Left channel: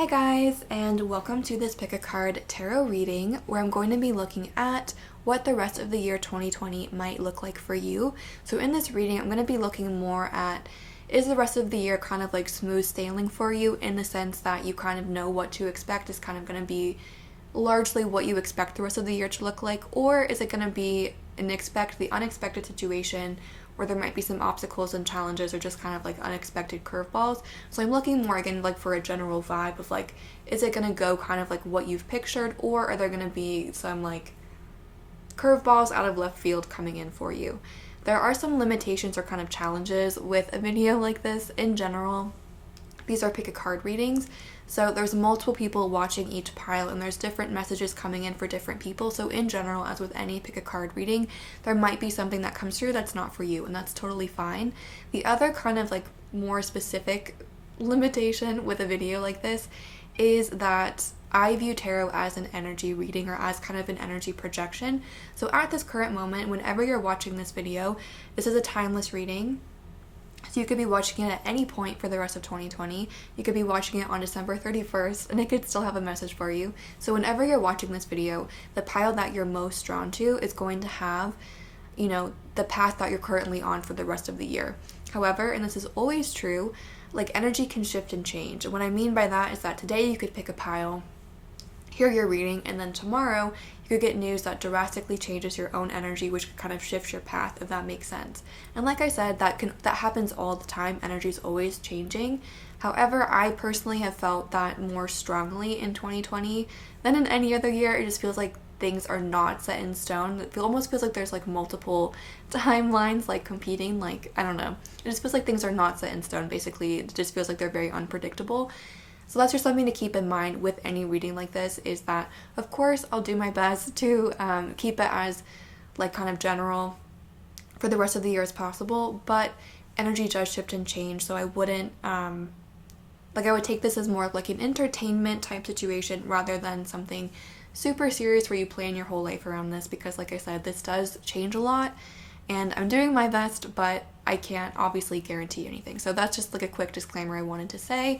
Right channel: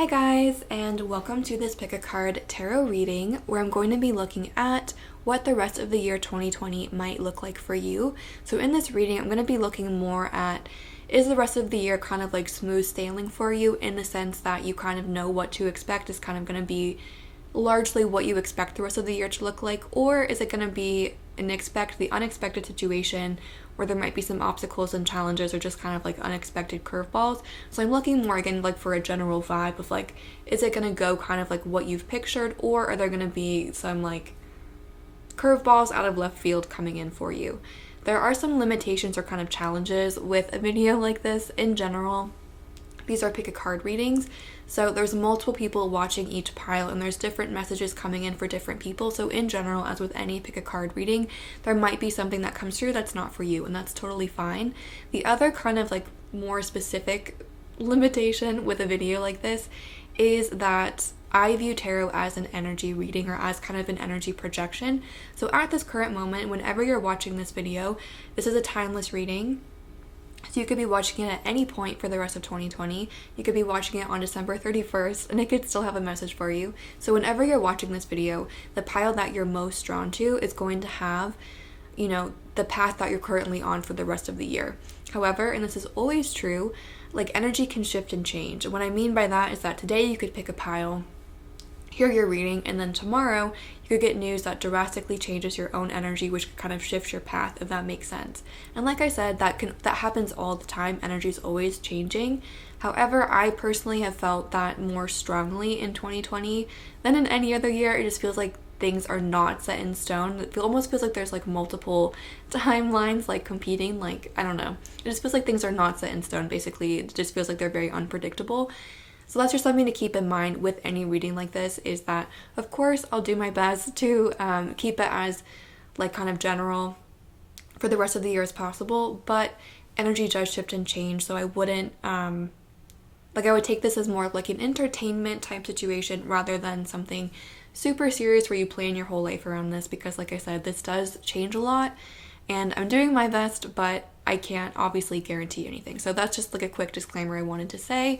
Hi guys, and welcome to this Pick a Card tarot reading where I'm going to be looking at what the rest of the year 2020 might look like for you. So in this reading, I'm going to be looking more at, is the rest of the year kind of like smooth sailing for you, in the sense that you kind of know what to expect is kind of going to be largely what you expect the rest of the year to look like, or is it going to be the unexpected situation where there might be some obstacles and challenges or just kind of like unexpected curveballs. So I'm looking more again like for a general vibe of like, is it going to go kind of like what you've pictured, or are there going to be some like curveballs out of left field coming in for you? There are some limitations or kind of challenges with a video like this in general. These are pick a card readings, so there's multiple people watching each pile and there's different messages coming in for different people. So in general, as with any pick a card reading, there might be something that comes through that's not for you, and that's totally fine. The other kind of like more specific limitation with a video like this is that I view tarot as an energy reading, or as kind of an energy projection. So at this current moment, whenever you're watching this video, this is a timeless reading. So you could be watching it at any point for the rest of 2020. You could be watching it on December 31st and it could still have a message for you. So whenever you're watching this video, the pile that you're most drawn to is going to have, the path that you're currently on for the rest of the year. However, and this is always true, like energy can shift and change. And what I mean by that is that today you could pick a pile, hear your reading, and then tomorrow you could get news that drastically changes your own energy, which could kind of shift your path, if that makes sense. And like I said, that happens all the time. Energy is always changing. However, I personally have felt that more strongly in 2020 than in any other year. It just feels like things are not set in stone. It almost feels like there's like multiple timelines like competing, like I don't know. It just feels like things are not set in stone. Basically, it just feels like they're very unpredictable. So that's just something to keep in mind with any reading like this, is that, of course, I'll do my best to keep it as, like, kind of general for the rest of the year as possible, but energy does shift and change, so I wouldn't, I would take this as more of, like, an entertainment type situation rather than something super serious where you plan your whole life around this, because, like I said, this does change a lot, and I'm doing my best, but I can't obviously guarantee anything. So that's just, like, a quick disclaimer I wanted to say.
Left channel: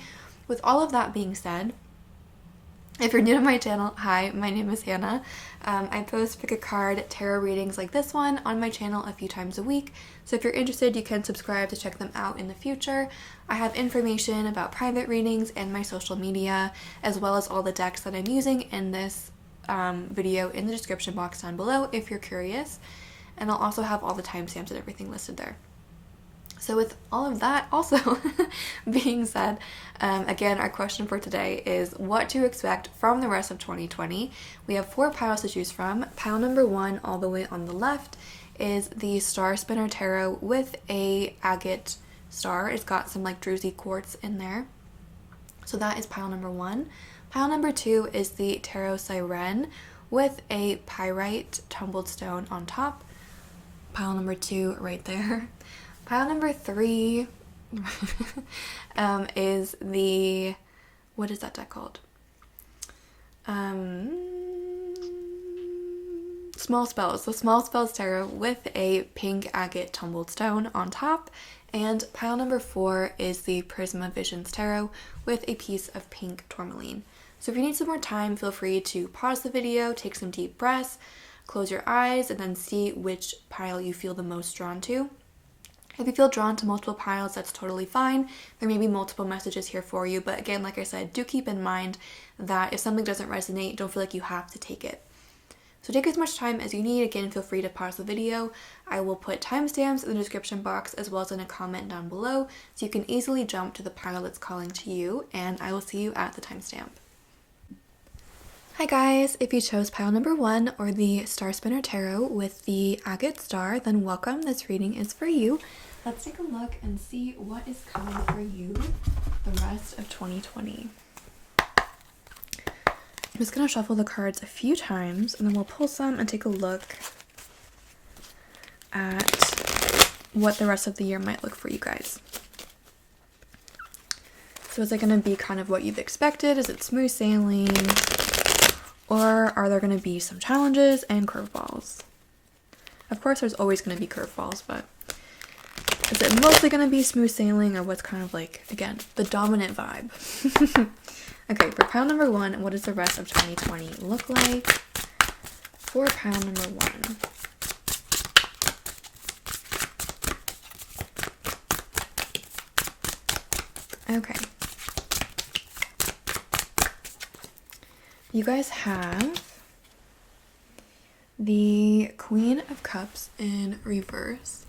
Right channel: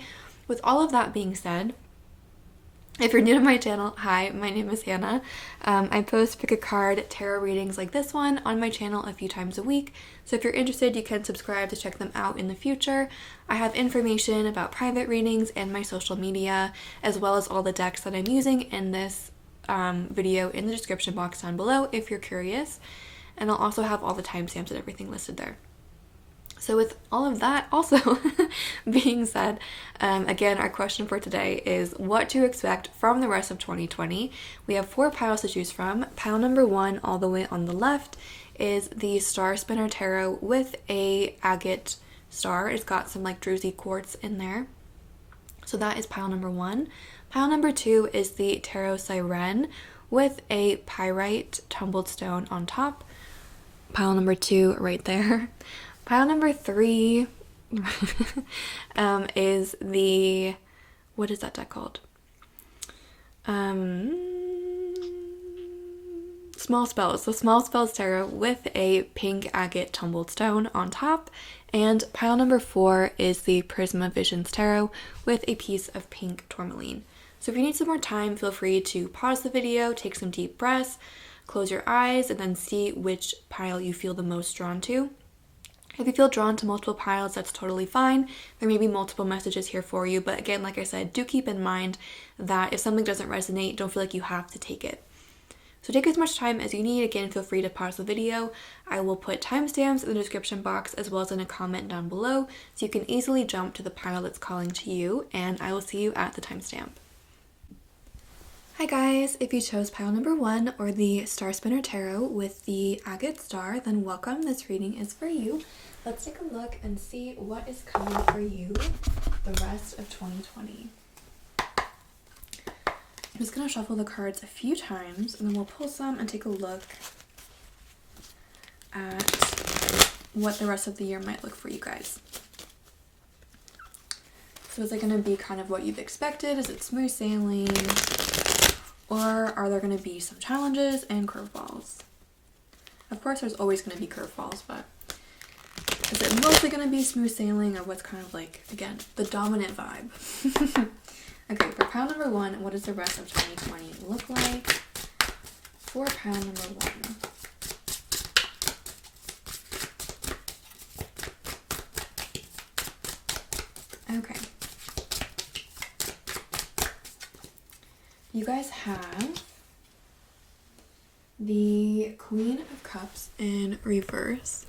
With all of that being said, if you're new to my channel, hi, my name is Hannah. I post pick a card tarot readings like this one on my channel a few times a week. So if you're interested, you can subscribe to check them out in the future. I have information about private readings and my social media, as well as all the decks that I'm using in this video in the description box down below if you're curious. And I'll also have all the timestamps and everything listed there. So with all of that also being said, again, our question for today is what to expect from the rest of 2020. We have 4 piles to choose from. Pile number 1, all the way on the left, is the Starspinner Tarot with a agate star. It's got some like druzy quartz in there. So that is pile number 1. Pile number 2 is the Tarot Sirène with a pyrite tumbled stone on top. Pile number 2 right there. Pile number 3 is the, what is that deck called? Small Spells. So Small Spells Tarot with a pink agate tumbled stone on top. And pile number 4 is the Prismavisions Tarot with a piece of pink tourmaline. So if you need some more time, feel free to pause the video, take some deep breaths, close your eyes, and then see which pile you feel the most drawn to. If you feel drawn to multiple piles, that's totally fine. There may be multiple messages here for you, but again, like I said, do keep in mind that if something doesn't resonate, don't feel like you have to take it. So take as much time as you need. Again, feel free to pause the video. I will put timestamps in the description box as well as in a comment down below, so you can easily jump to the pile that's calling to you, and I will see you at the timestamp. Hi guys, if you chose pile number 1 or the Starspinner Tarot with the agate star, then welcome, this reading is for you. Let's take a look and see what is coming for you the rest of 2020. I'm just going to shuffle the cards a few times and then we'll pull some and take a look at what the rest of the year might look for you guys. So is it going to be kind of what you've expected? Is it smooth sailing? Or are there going to be some challenges and curveballs? Of course, there's always going to be curveballs, but is it mostly going to be smooth sailing, or what's kind of like, again, the dominant vibe? Okay, for pile number 1, what does the rest of 2020 look like? For pile number 1. Okay. You guys have the Queen of Cups in reverse.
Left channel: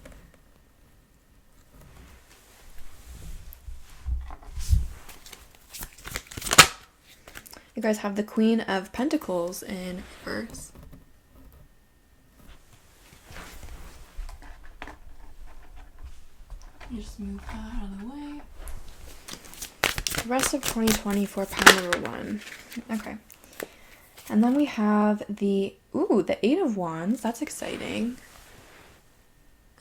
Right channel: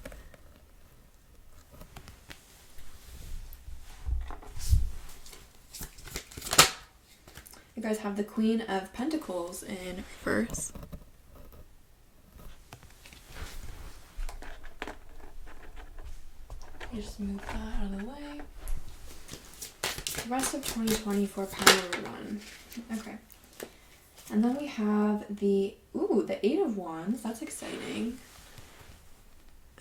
You guys have the Queen of Pentacles in reverse. Just move that out of the way. The rest of 2020 for pile number 1. Okay. And then we have the 8 of Wands. That's exciting.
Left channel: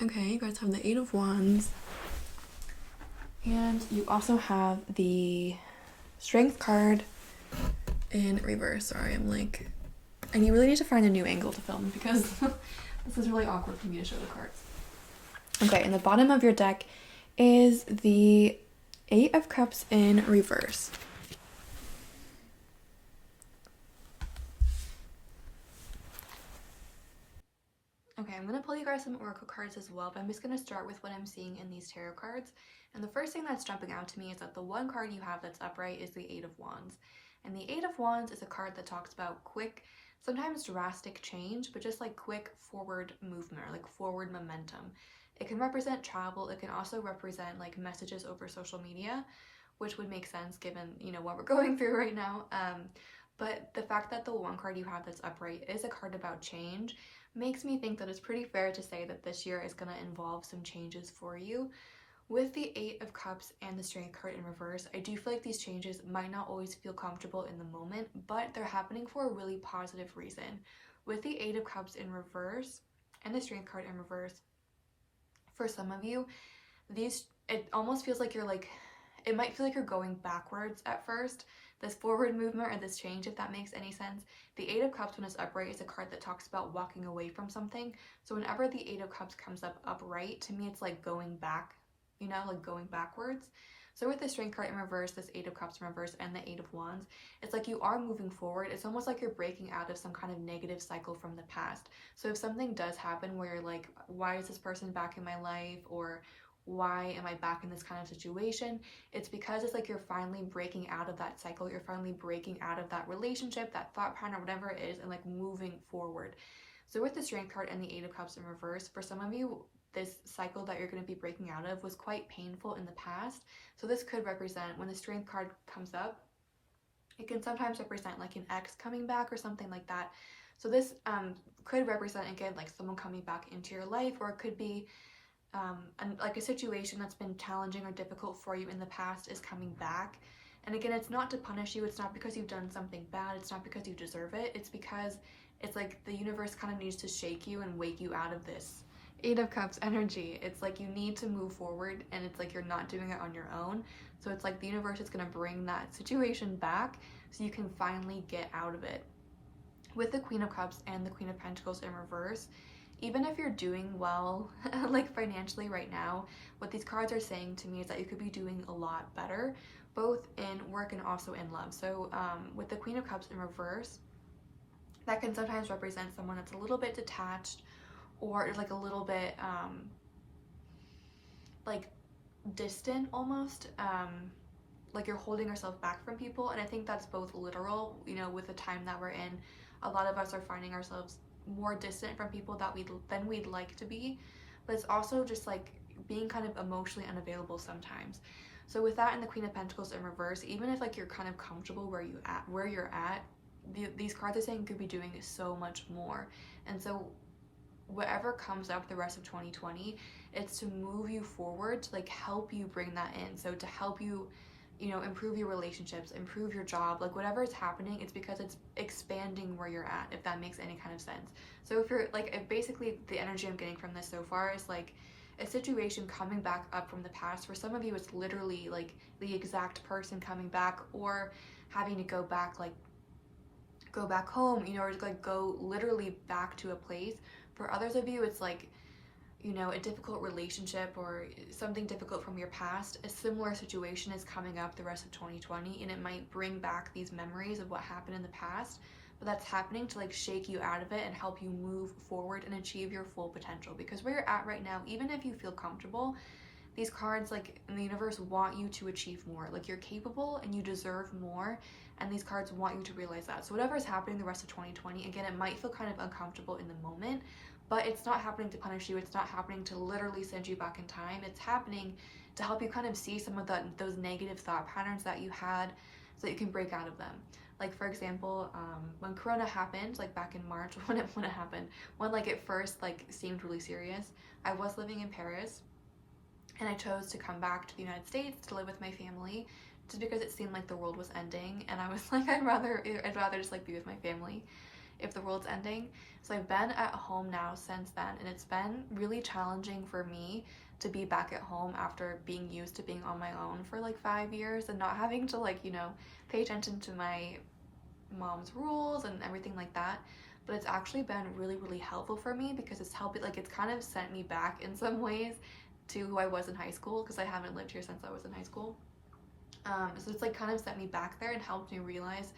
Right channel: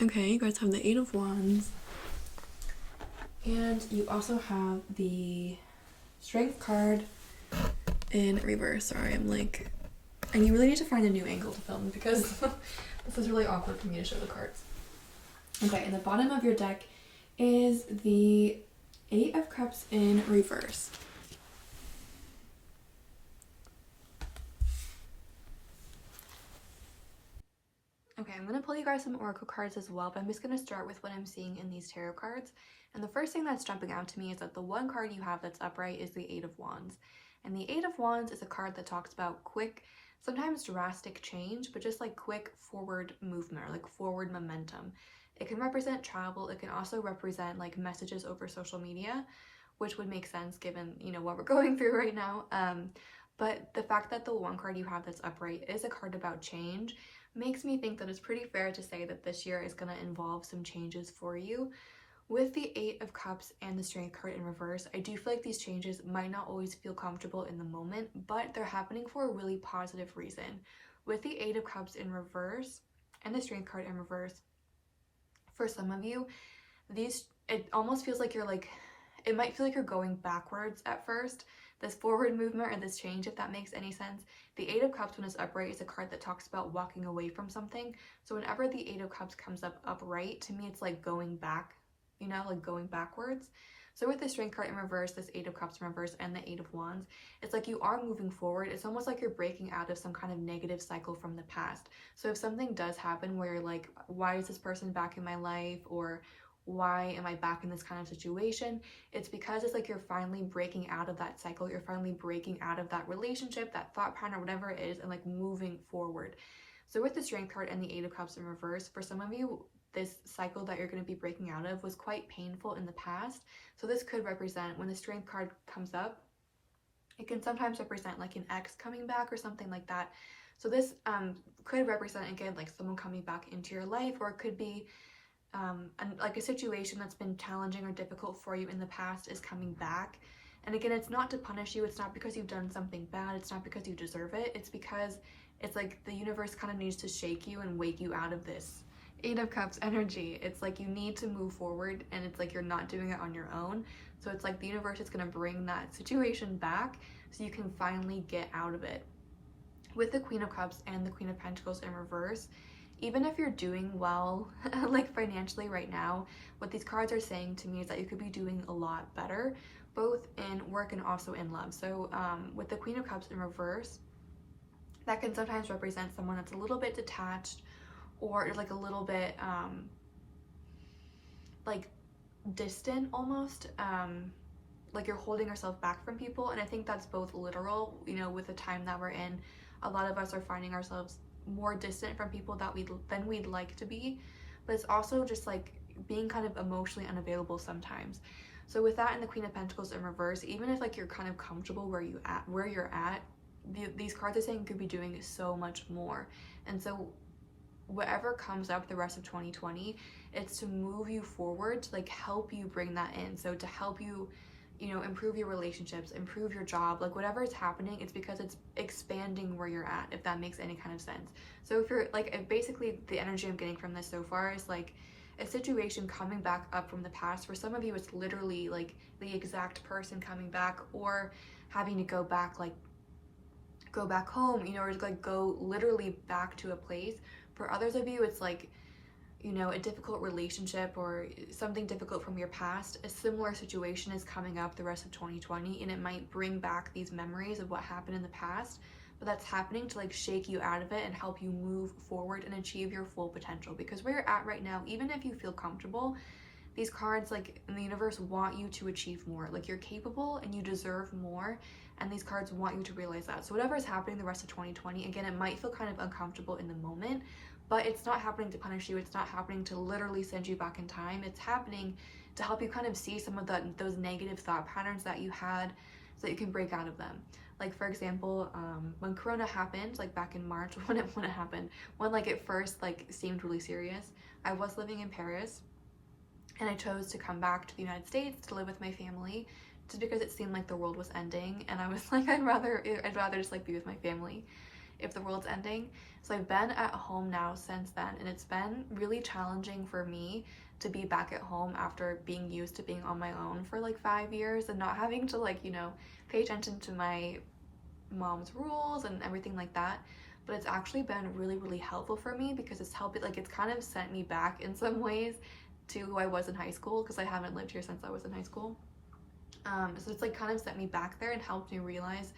Okay, you guys have the 8 of Wands. And you also have the Strength card in reverse. Sorry, I'm like... And you really need to find a new angle to film because this is really awkward for me to show the cards. Okay, and the bottom of your deck is the 8 of Cups in reverse. Okay, I'm going to pull you guys some oracle cards as well, but I'm just going to start with what I'm seeing in these tarot cards. And the first thing that's jumping out to me is that the one card you have that's upright is the 8 of Wands. And the 8 of Wands is a card that talks about quick, sometimes drastic change, but just like quick forward movement or like forward momentum. It can represent travel. It can also represent like messages over social media, which would make sense given, you know, what we're going through right now. But the fact that the one card you have that's upright is a card about change makes me think that it's pretty fair to say that this year is going to involve some changes for you. With the 8 of Cups and the Strength card in reverse, I do feel like these changes might not always feel comfortable in the moment, but they're happening for a really positive reason. With the 8 of Cups in reverse and the Strength card in reverse, for some of you, it almost feels like it might feel like you're going backwards at first, this forward movement or this change, if that makes any sense. The 8 of Cups when it's upright is a card that talks about walking away from something. So whenever the 8 of Cups comes up upright, to me it's like going back, you know, like going backwards. So with the Strength card in reverse, this 8 of Cups in reverse, and the 8 of Wands, it's like you are moving forward. It's almost like you're breaking out of some kind of negative cycle from the past. So if something does happen where you're like, why is this person back in my life? Or why am I back in this kind of situation? It's because it's like you're finally breaking out of that cycle. You're finally breaking out of that relationship, that thought pattern, or whatever it is, and like moving forward. So with the Strength card and the 8 of Cups in reverse, for some of you, this cycle that you're going to be breaking out of was quite painful in the past. So this could represent, when the Strength card comes up, it can sometimes represent like an ex coming back or something like that. So this could represent, again, like someone coming back into your life, or it could be like a situation that's been challenging or difficult for you in the past is coming back. And again, it's not to punish you. It's not because you've done something bad. It's not because you deserve it. It's because it's like the universe kind of needs to shake you and wake you out of this 8 of Cups energy. It's like you need to move forward, and it's like you're not doing it on your own. So it's like the universe is going to bring that situation back so you can finally get out of it. With the Queen of Cups and the Queen of Pentacles in reverse, even if you're doing well, like financially right now, what these cards are saying to me is that you could be doing a lot better, both in work and also in love. So with the Queen of Cups in reverse, that can sometimes represent someone that's a little bit detached, or like a little bit like distant almost, like you're holding yourself back from people. And I think that's both literal, you know, with the time that we're in, a lot of us are finding ourselves more distant from people than we'd like to be, but it's also just like being kind of emotionally unavailable sometimes. So with that and the Queen of Pentacles in reverse, even if like you're kind of comfortable where you're at, these cards are saying you could be doing so much more. And so whatever comes up the rest of 2020, it's to move you forward, to like help you bring that in. So to help you, you know, improve your relationships, improve your job, like whatever is happening, it's because it's expanding where you're at, if that makes any kind of sense. So if you're like, if basically the energy I'm getting from this so far is like a situation coming back up from the past. For some of you, it's literally like the exact person coming back, or having to go back home, you know, or like go literally back to a place. For others of you, it's like you know, a difficult relationship or something difficult from your past, a similar situation is coming up the rest of 2020, and it might bring back these memories of what happened in the past, but that's happening to like shake you out of it and help you move forward and achieve your full potential. Because where you're at right now, even if you feel comfortable, these cards, like, in the universe, want you to achieve more. Like, you're capable and you deserve more, and these cards want you to realize that. So whatever is happening the rest of 2020, again, it might feel kind of uncomfortable in the moment, but it's not happening to punish you. It's not happening to literally send you back in time. It's happening to help you kind of see some of those negative thought patterns that you had, so that you can break out of them. Like, for example, when Corona happened, like back in March, when it happened, when like it first like seemed really serious, I was living in Paris, and I chose to come back to the United States to live with my family, just because it seemed like the world was ending, and I was like, I'd rather just like be with my family if the world's ending. So I've been at home now since then, and it's been really challenging for me to be back at home after being used to being on my own for like 5 years and not having to, like, you know, pay attention to my mom's rules and everything like that. But it's actually been really, really helpful for me, because it's helped, like, it's kind of sent me back in some ways to who I was in high school, because I haven't lived here since I was in high school. So it's like kind of sent me back there and helped me realize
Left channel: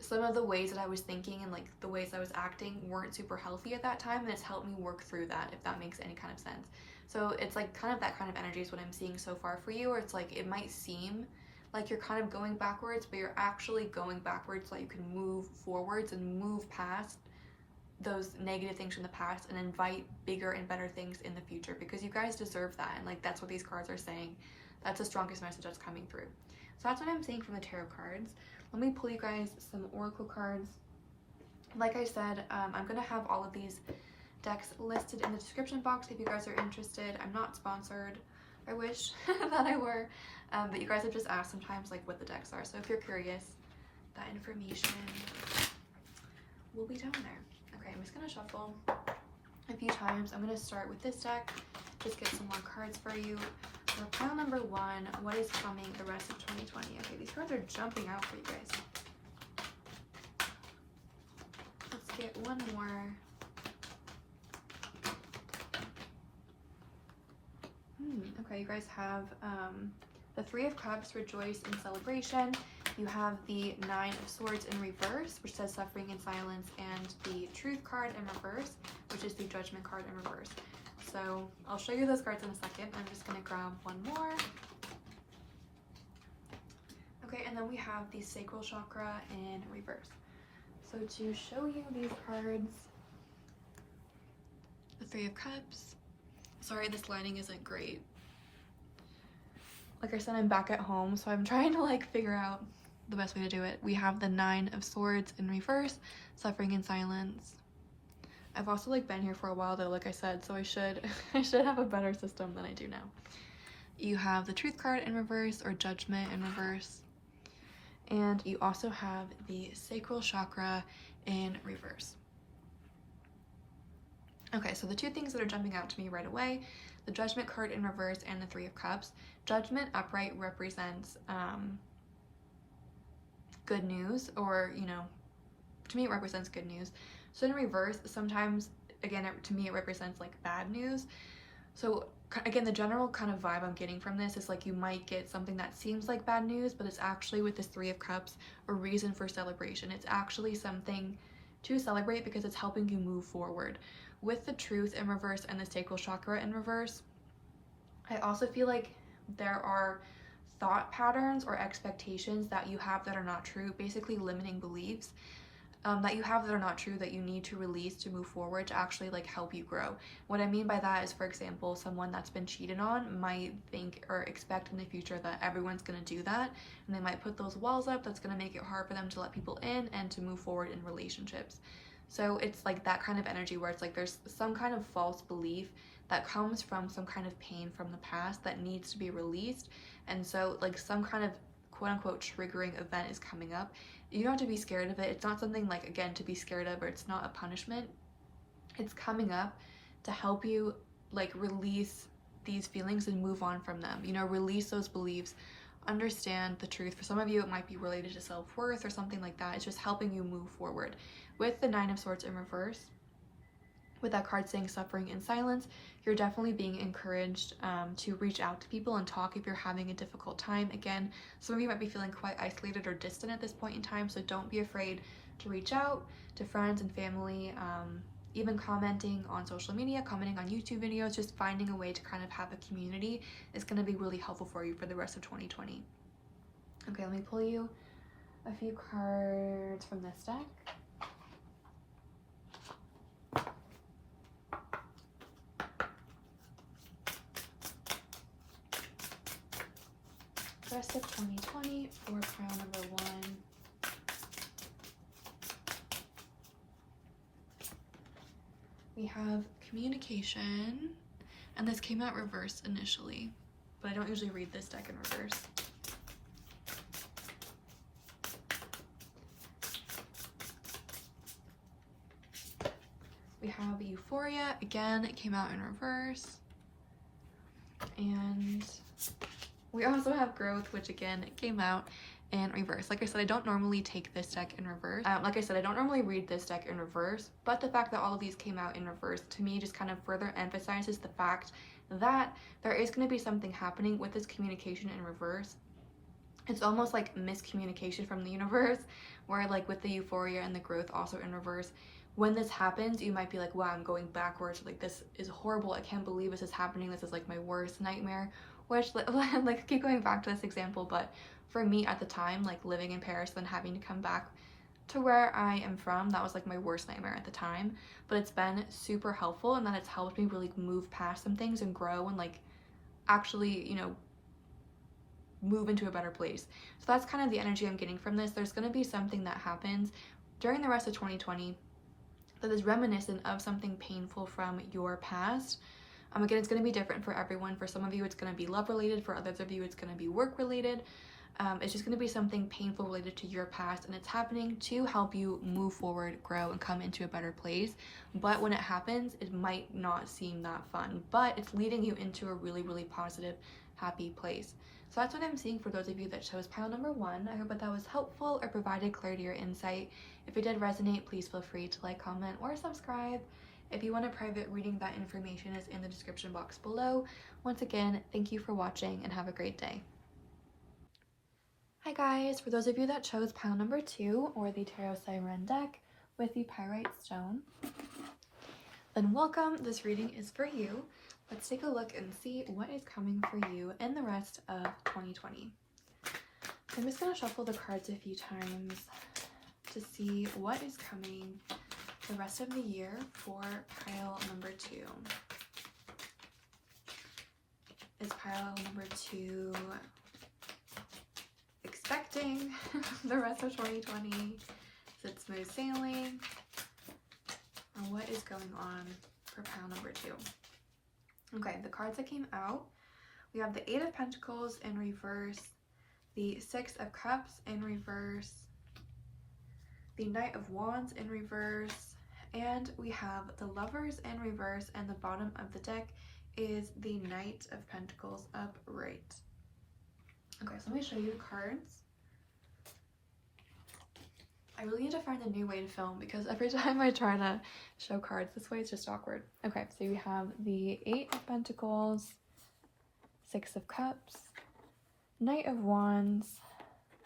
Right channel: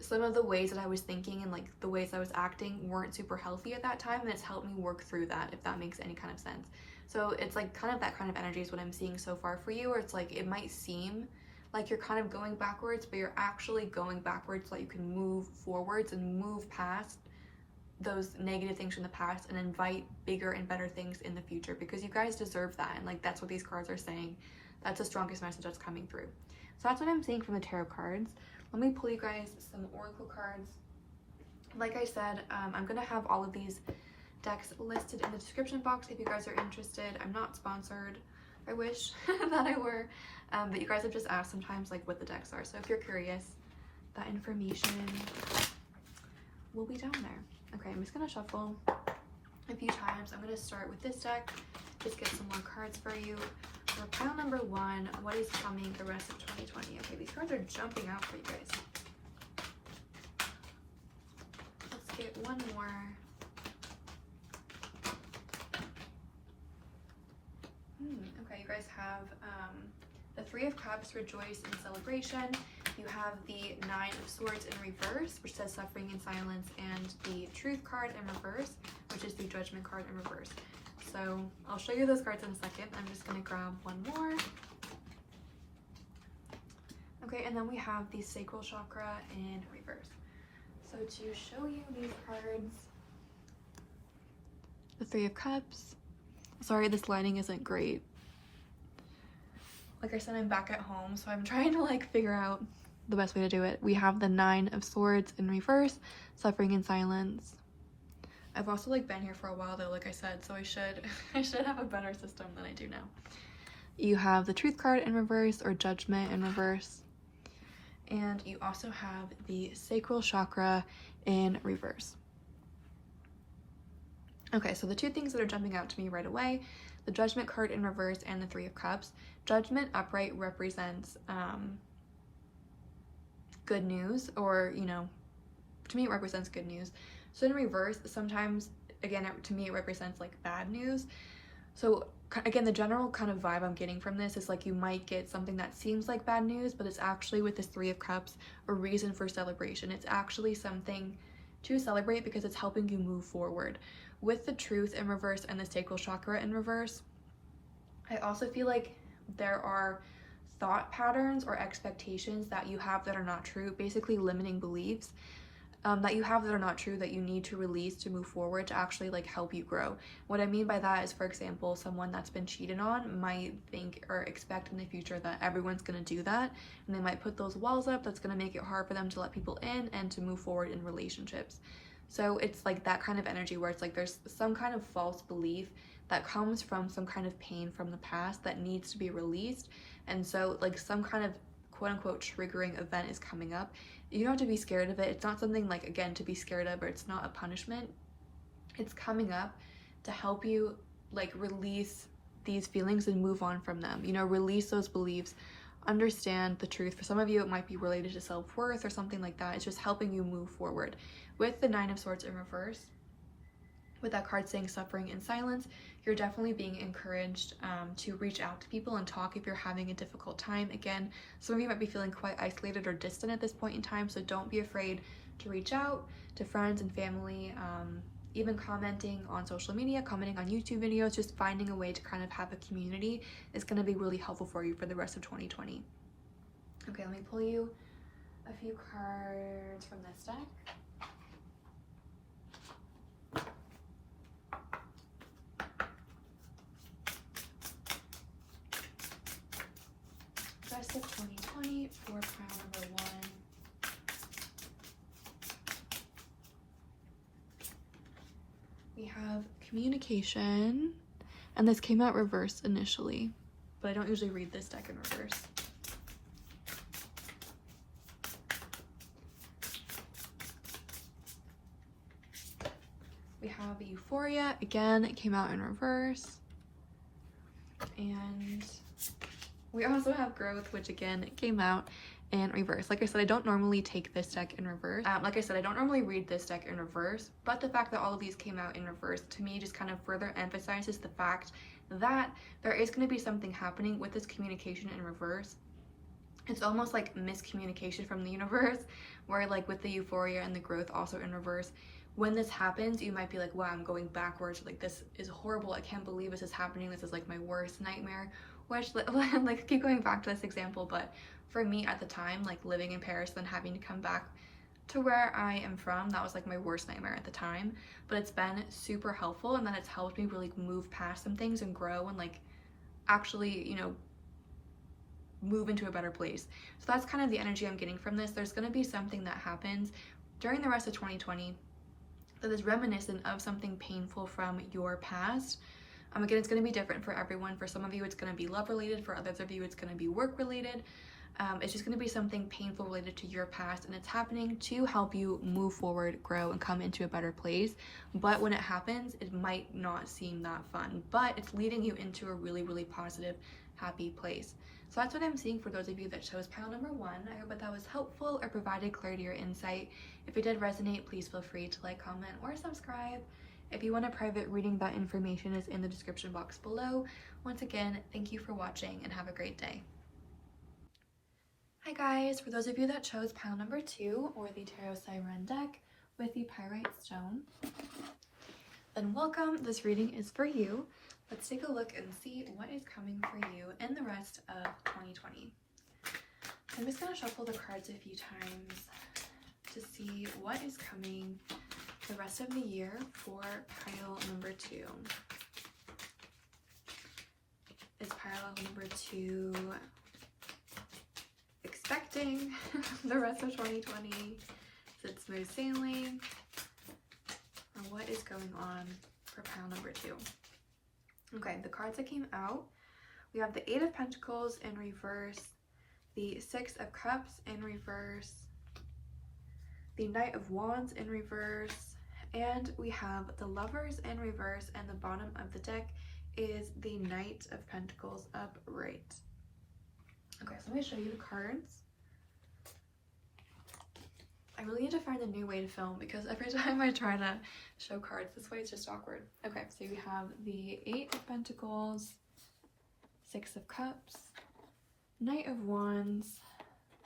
some of the ways that I was thinking and like the ways I was acting weren't super healthy at that time, and it's helped me work through that, if that makes any kind of sense. So it's like kind of that kind of energy is what I'm seeing so far for you, where it's like it might seem like you're kind of going backwards, but you're actually going backwards so that you can move forwards and move past those negative things from the past and invite bigger and better things in the future, because you guys deserve that. And like, that's what these cards are saying. That's the strongest message that's coming through. So that's what I'm seeing from the tarot cards. Let me pull you guys some oracle cards. Like I said, I'm gonna have all of these decks listed in the description box if you guys are interested. I'm not sponsored. I wish that I were, but you guys have just asked sometimes like what the decks are. So if you're curious, that information will be down there. Okay, I'm just gonna shuffle a few times. I'm gonna start with this deck, just get some more cards for you. For pile number 1, what is coming the rest of 2020? Okay, these cards are jumping out for you guys. Let's get one more. Okay, you guys have the 3 of Cups, rejoice in celebration. You have the 9 of Swords in reverse, which says suffering in silence, and the Truth card in reverse, which is the Judgment card in reverse. So I'll show you those cards in a second. I'm just gonna grab one more. Okay, and then we have the Sacral Chakra in reverse. So to show you these cards, the 3 of Cups. Sorry, this lighting isn't great. Like I said, I'm back at home, so I'm trying to like figure out the best way to do it. We have the 9 of Swords in reverse, suffering in silence. I've also like been here for a while though, like I said, so I should have a better system than I do now. You have the Truth card in reverse, or Judgment in reverse. And you also have the Sacral Chakra in reverse. Okay, so the 2 things that are jumping out to me right away, the Judgment card in reverse and the 3 of Cups. Judgment upright represents good news, or, you know, to me it represents good news. So in reverse, sometimes, again, to me it represents like bad news. So again, the general kind of vibe I'm getting from this is like you might get something that seems like bad news, but it's actually, with this 3 of Cups, a reason for celebration. It's actually something to celebrate because it's helping you move forward. With the Truth in reverse and the Sacral Chakra in reverse, I also feel like there are thought patterns or expectations that you have that are not true, basically limiting beliefs that you have that are not true, that you need to release to move forward, to actually like help you grow. What I mean by that is, for example, someone that's been cheated on might think or expect in the future that everyone's going to do that, and they might put those walls up that's going to make it hard for them to let people in and to move forward in relationships. So it's like that kind of energy where it's like there's some kind of false belief that comes from some kind of pain from the past that needs to be released. And so like some kind of quote-unquote triggering event is coming up. You don't have to be scared of it. It's not something like, again, to be scared of, or it's not a punishment. It's coming up to help you like release these feelings and move on from them, you know, release those beliefs, understand the truth. For some of you it might be related to self-worth or something like that. It's just helping you move forward. With the 9 of Swords in reverse, with that card saying suffering in silence, you're definitely being encouraged to reach out to people and talk if you're having a difficult time. Again, some of you might be feeling quite isolated or distant at this point in time, so don't be afraid to reach out to friends and family, even commenting on social media, commenting on YouTube videos, just finding a way to kind of have a community is going to be really helpful for you for the rest of 2020. Okay, let me pull you a few cards from this deck. Rest of 2020 for pile number 1. We have communication, and this came out reverse initially, but I don't usually read this deck in reverse. We have Euphoria, again, it came out in reverse. And we also have Growth, which again came out in reverse. Like I said, I don't normally take this deck in reverse. Like I said, I don't normally read this deck in reverse, but the fact that all of these came out in reverse to me just kind of further emphasizes the fact that there is going to be something happening with this communication in reverse. It's almost like miscommunication from the universe, where like with the Euphoria and the Growth also in reverse, when this happens, you might be like, wow, I'm going backwards. Like, this is horrible. I can't believe this is happening. This is like my worst nightmare. Which, like, keep going back to this example, but for me at the time, like living in Paris, then having to come back to where I am from, that was like my worst nightmare at the time. But it's been super helpful, and then it's helped me really move past some things and grow and like actually, you know, move into a better place. So that's kind of the energy I'm getting from this. There's going to be something that happens during the rest of 2020 that is reminiscent of something painful from your past. Again, it's going to be different for everyone. For some of you, it's going to be love related. For others of you, it's going to be work related. It's just going to be something painful related to your past, and it's happening to help you move forward, grow, and come into a better place. But when it happens, it might not seem that fun, but it's leading you into a really, really positive, happy place. So that's what I'm seeing for those of you that chose pile number 1. I hope that was helpful or provided clarity or insight. If it did resonate, please feel free to like, comment, or subscribe. If you want a private reading, that information is in the description box below. Once again, thank you for watching and have a great day. Hi guys, for those of you that chose pile number 2, or the Tarot Sirène deck with the pyrite stone, then welcome. This reading is for you. Let's take a look and see what is coming for you in the rest of 2020. I'm just going to shuffle the cards a few times to see what is coming the rest of the year for pile number 2. Is pile number 2 expecting the rest of 2020? Is it smooth sailing? Or what is going on for pile number 2? Okay, the cards that came out, we have the 8 of Pentacles in reverse, the 6 of Cups in reverse, the Knight of Wands in reverse, and we have the Lovers in reverse, and the bottom of the deck is the Knight of Pentacles upright. Okay, so let me show you the cards. I really need to find a new way to film because every time I try to show cards this way, it's just awkward. Okay, so we have the 8 of Pentacles, 6 of Cups, Knight of Wands,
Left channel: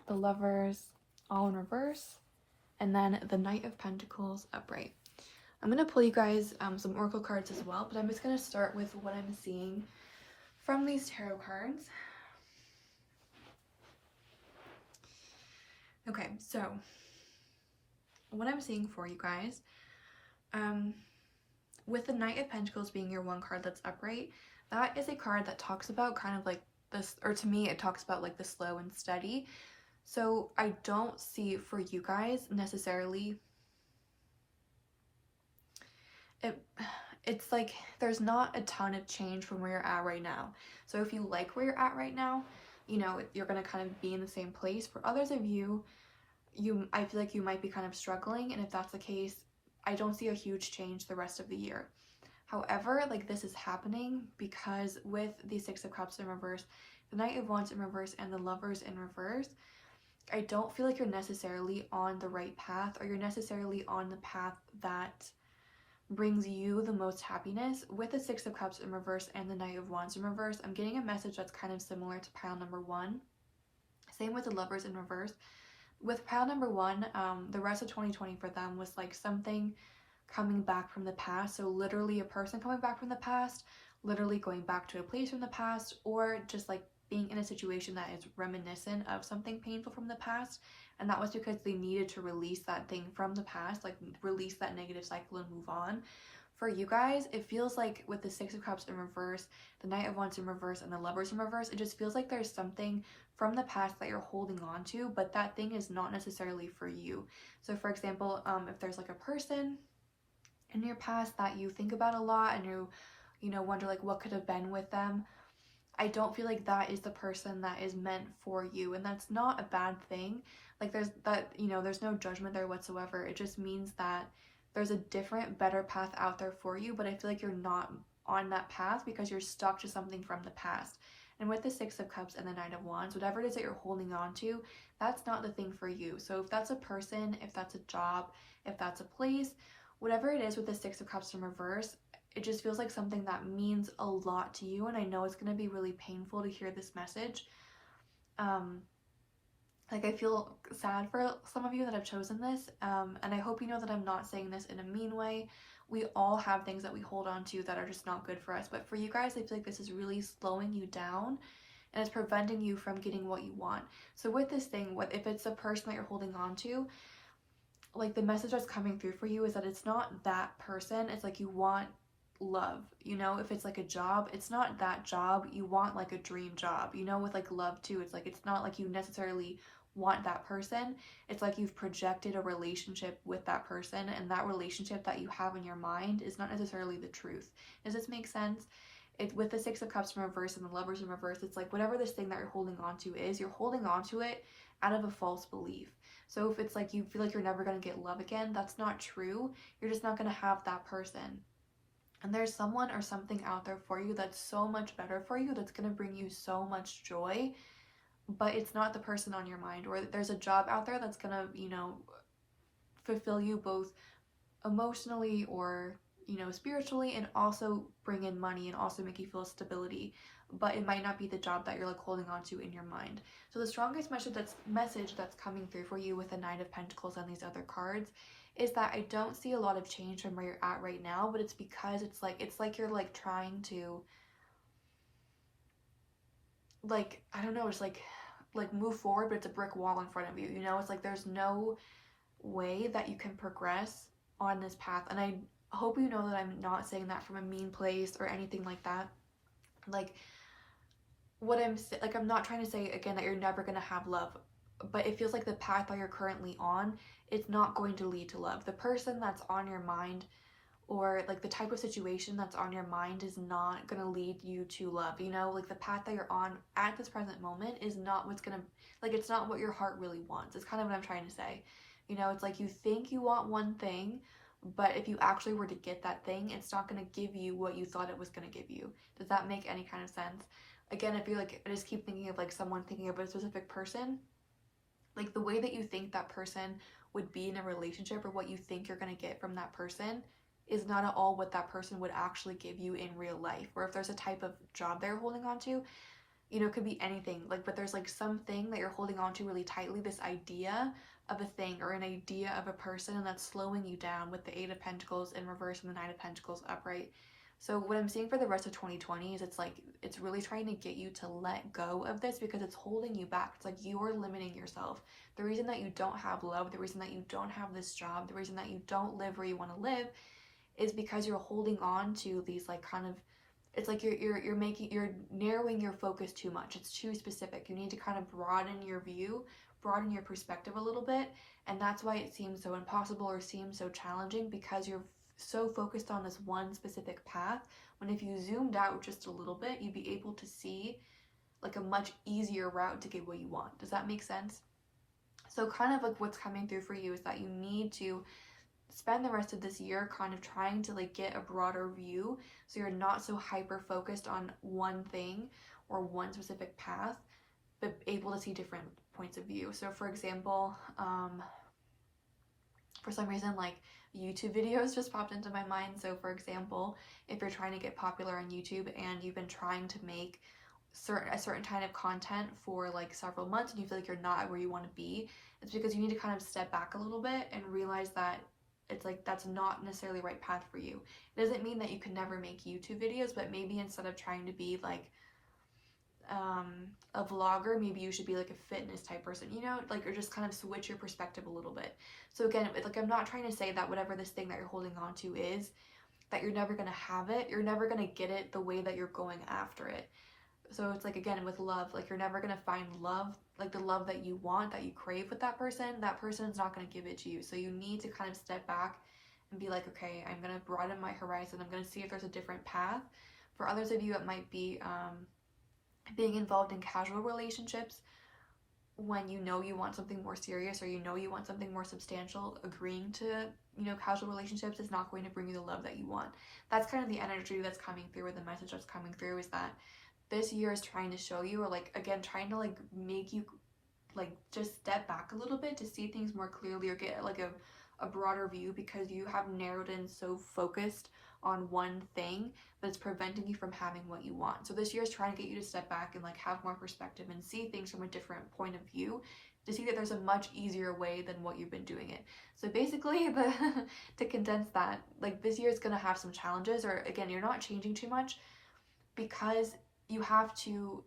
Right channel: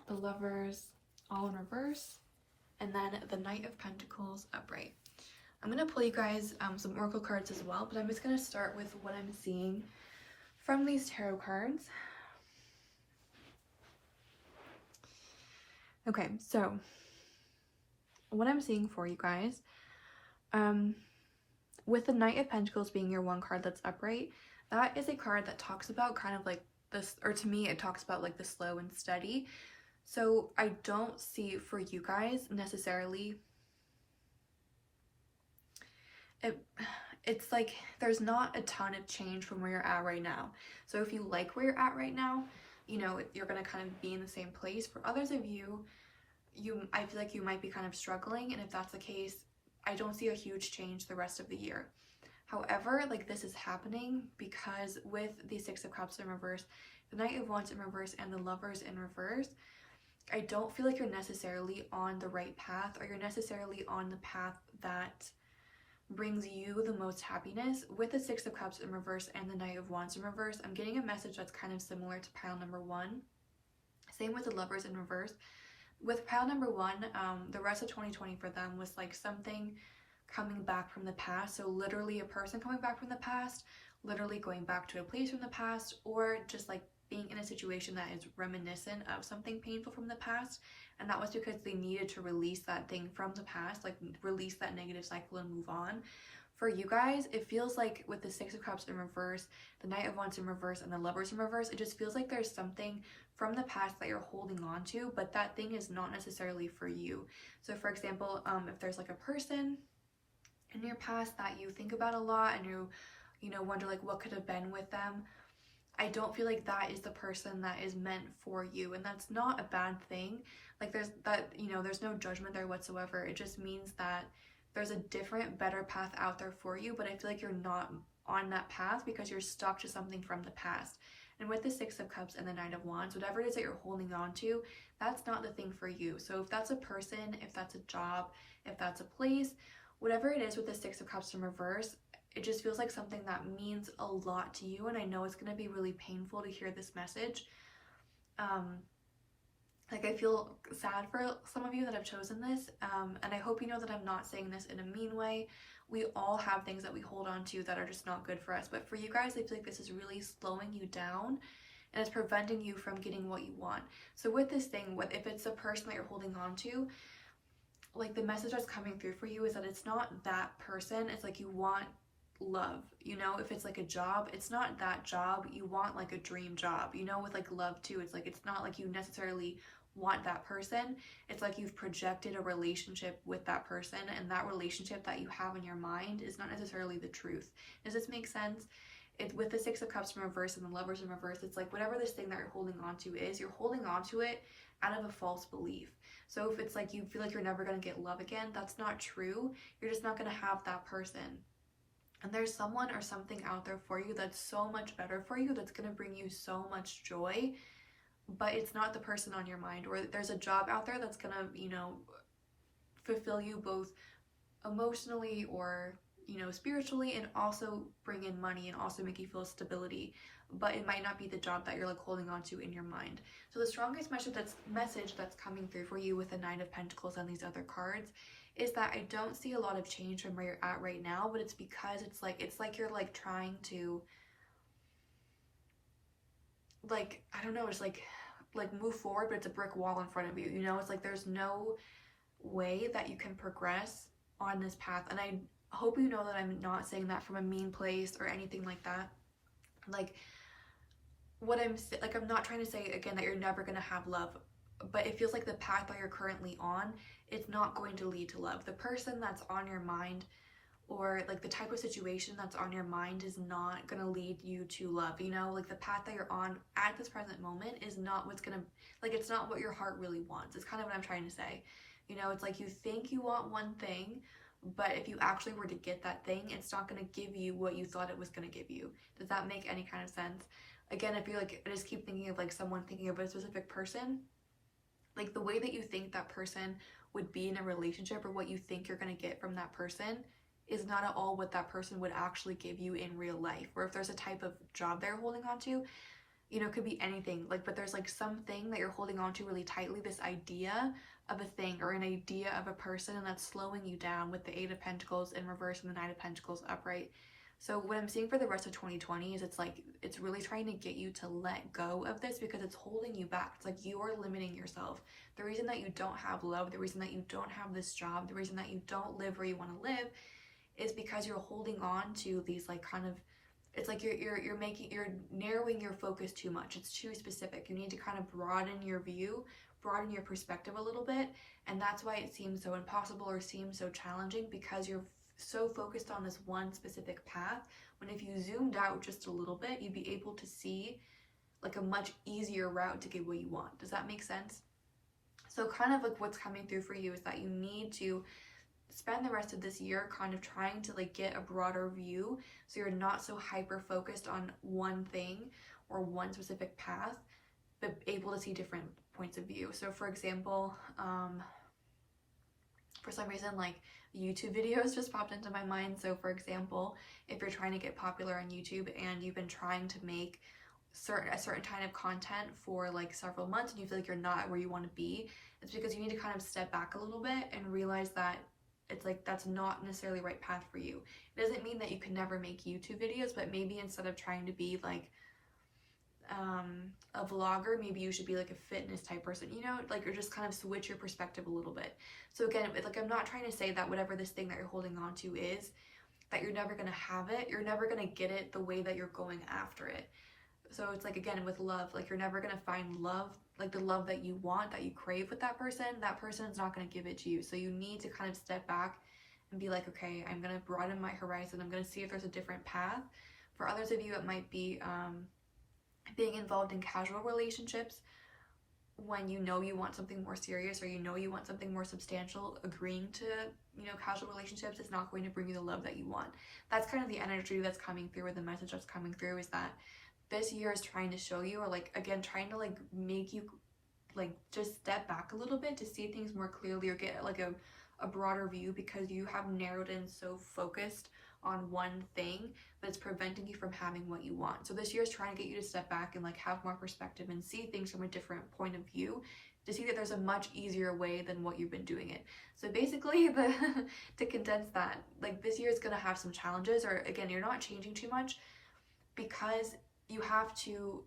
the Lovers all in reverse, and then the Knight of Pentacles upright. I'm going to pull you guys some oracle cards as well, but I'm just going to start with what I'm seeing from these tarot cards. Okay, so what I'm seeing for you guys, with the Knight of Pentacles being your one card that's upright, that is a card that talks about kind of like this, or to me it talks about like the slow and steady. So I don't see for you guys necessarily, it's like there's not a ton of change from where you're at right now. So if you like where you're at right now, you know, you're gonna kind of be in the same place. For others of you, I feel like you might be kind of struggling, and if that's the case, I don't see a huge change the rest of the year. However, like this is happening because with the 6 of Cups in reverse, the Knight of Wands in reverse, and the Lovers in reverse, I don't feel like you're necessarily on the right path, or you're necessarily on the path that brings you the most happiness. With the Six of Cups in reverse and the Knight of Wands in reverse, I'm getting a message that's kind of similar to pile number one. Same with the Lovers in reverse. With pile number one, the rest of 2020 for them was like something coming back from the past. So literally a person coming back from the past, literally going back to a place from the past, or just like being in a situation that is reminiscent of something painful from the past. And that was because they needed to release that thing from the past, like release that negative cycle and move on. For you guys, it feels like with the Six of Cups in reverse, the Knight of Wands in reverse, and the Lovers in reverse, it just feels like there's something from the past that you're holding on to, but that thing is not necessarily for you. So for example, if there's like a person in your past that you think about a lot and you know, wonder like what could have been with them, I don't feel like that is the person that is meant for you, and that's not a bad thing. Like there's that, you know, there's no judgment there whatsoever. It just means that there's a different, better path out there for you, but I feel like you're not on that path because you're stuck to something from the past. And with the Six of Cups and the Knight of Wands, whatever it is that you're holding on to, that's not the thing for you. So if that's a person, if that's a job, if that's a place, whatever it is with the Six of Cups in reverse, it just feels like something that means a lot to you. And I know it's going to be really painful to hear this message. Like I feel sad for some of you that have chosen this, and I hope you know that I'm not saying this in a mean way. We all have things that we hold on to that are just not good for us, but for you guys, I feel like this is really slowing you down and it's preventing you from getting what you want. So with this thing, if it's a person that you're holding on to, like the message that's coming through for you is that it's not that person. It's like you want love, you know. If it's like a job, it's not that job. You want like a dream job, you know. With like love too, it's like it's not like you necessarily want that person. It's like you've projected a relationship with that person, and that relationship that you have in your mind is not necessarily the truth. Does this make sense? With the Six of Cups in reverse and the Lovers in reverse, it's like whatever this thing that you're holding on to is, you're holding on to it out of a false belief. So if it's like you feel like you're never going to get love again, that's not true. You're just not going to have that person. And there's someone or something out there for you that's so much better for you, that's going to bring you so much joy, but it's not the person on your mind. Or there's a job out there that's going to, you know, fulfill you both emotionally or, you know, spiritually, and also bring in money and also make you feel stability, but it might not be the job that you're like holding on to in your mind. So the strongest message that's coming through for you with the Nine of Pentacles and these other cards is that I don't see a lot of change from where you're at right now, but it's because it's like you're like trying to, like, I don't know, it's like move forward, but it's a brick wall in front of you, you know. It's like there's no way that you can progress on this path. And I hope you know that I'm not saying that from a mean place or anything like that. Like what I'm not trying to say again that you're never going to have love, but it feels like the path that you're currently on, it's not going to lead to love. The person that's on your mind, or like the type of situation that's on your mind, is not going to lead you to love, you know. Like the path that you're on at this present moment is not what's going to, like, it's not what your heart really wants. It's kind of what I'm trying to say, you know. It's like you think you want one thing, but if you actually were to get that thing, it's not going to give you what you thought it was going to give you. Does that make any kind of sense? Again, I feel like I just keep thinking of like someone thinking of a specific person. Like the way that you think that person would be in a relationship, or what you think you're going to get from that person, is not at all what that person would actually give you in real life. Or if there's a type of job they're holding on to, you know, it could be anything, like, but there's like something that you're holding on to really tightly, this idea of a thing or an idea of a person, and that's slowing you down with the Eight of Pentacles in reverse and the Nine of Pentacles upright. So what I'm seeing for the rest of 2020 is it's like it's really trying to get you to let go of this, because it's holding you back. It's like you're limiting yourself. The reason that you don't have love, the reason that you don't have this job, the reason that you don't live where you want to live, is because you're holding on to these like kind of, it's like you're narrowing your focus too much. It's too specific. You need to kind of broaden your view, broaden your perspective a little bit, and that's why it seems so impossible or seems so challenging, because you're so focused on this one specific path, when if you zoomed out just a little bit, you'd be able to see like a much easier route to get what you want. Does that make sense? So kind of like what's coming through for you is that you need to spend the rest of this year kind of trying to like get a broader view, so you're not so hyper focused on one thing or one specific path, but able to see different points of view. So for example, For some reason, like, YouTube videos just popped into my mind. So for example, if you're trying to get popular on YouTube and you've been trying to make a certain kind of content for like several months and you feel like you're not where you want to be, it's because you need to kind of step back a little bit and realize that it's like that's not necessarily the right path for you. It doesn't mean that you can never make YouTube videos, but maybe instead of trying to be like a vlogger, maybe you should be like a fitness type person, you know, like, or just kind of switch your perspective a little bit. So again, like, I'm not trying to say that whatever this thing that you're holding on to is, that you're never gonna have it, you're never gonna get it the way that you're going after it. So it's like, again, with love, like, you're never gonna find love, like the love that you want, that you crave with that person's not gonna give it to you. So you need to kind of step back and be like, okay, I'm gonna broaden my horizon, I'm gonna see if there's a different path. For others of you, it might be being involved in casual relationships when you know you want something more serious, or you know you want something more substantial. Agreeing to, you know, casual relationships is not going to bring you the love that you want. That's kind of the energy that's coming through, or the message that's coming through, is that this year is trying to show you, or like, again, trying to like make you like just step back a little bit to see things more clearly, or get like a broader view, because you have narrowed in so focused on one thing that's preventing you from having what you want. So this year is trying to get you to step back and like have more perspective and see things from a different point of view, to see that there's a much easier way than what you've been doing it. So basically, to condense that, like, this year is going to have some challenges, or again, you're not changing too much, because you have to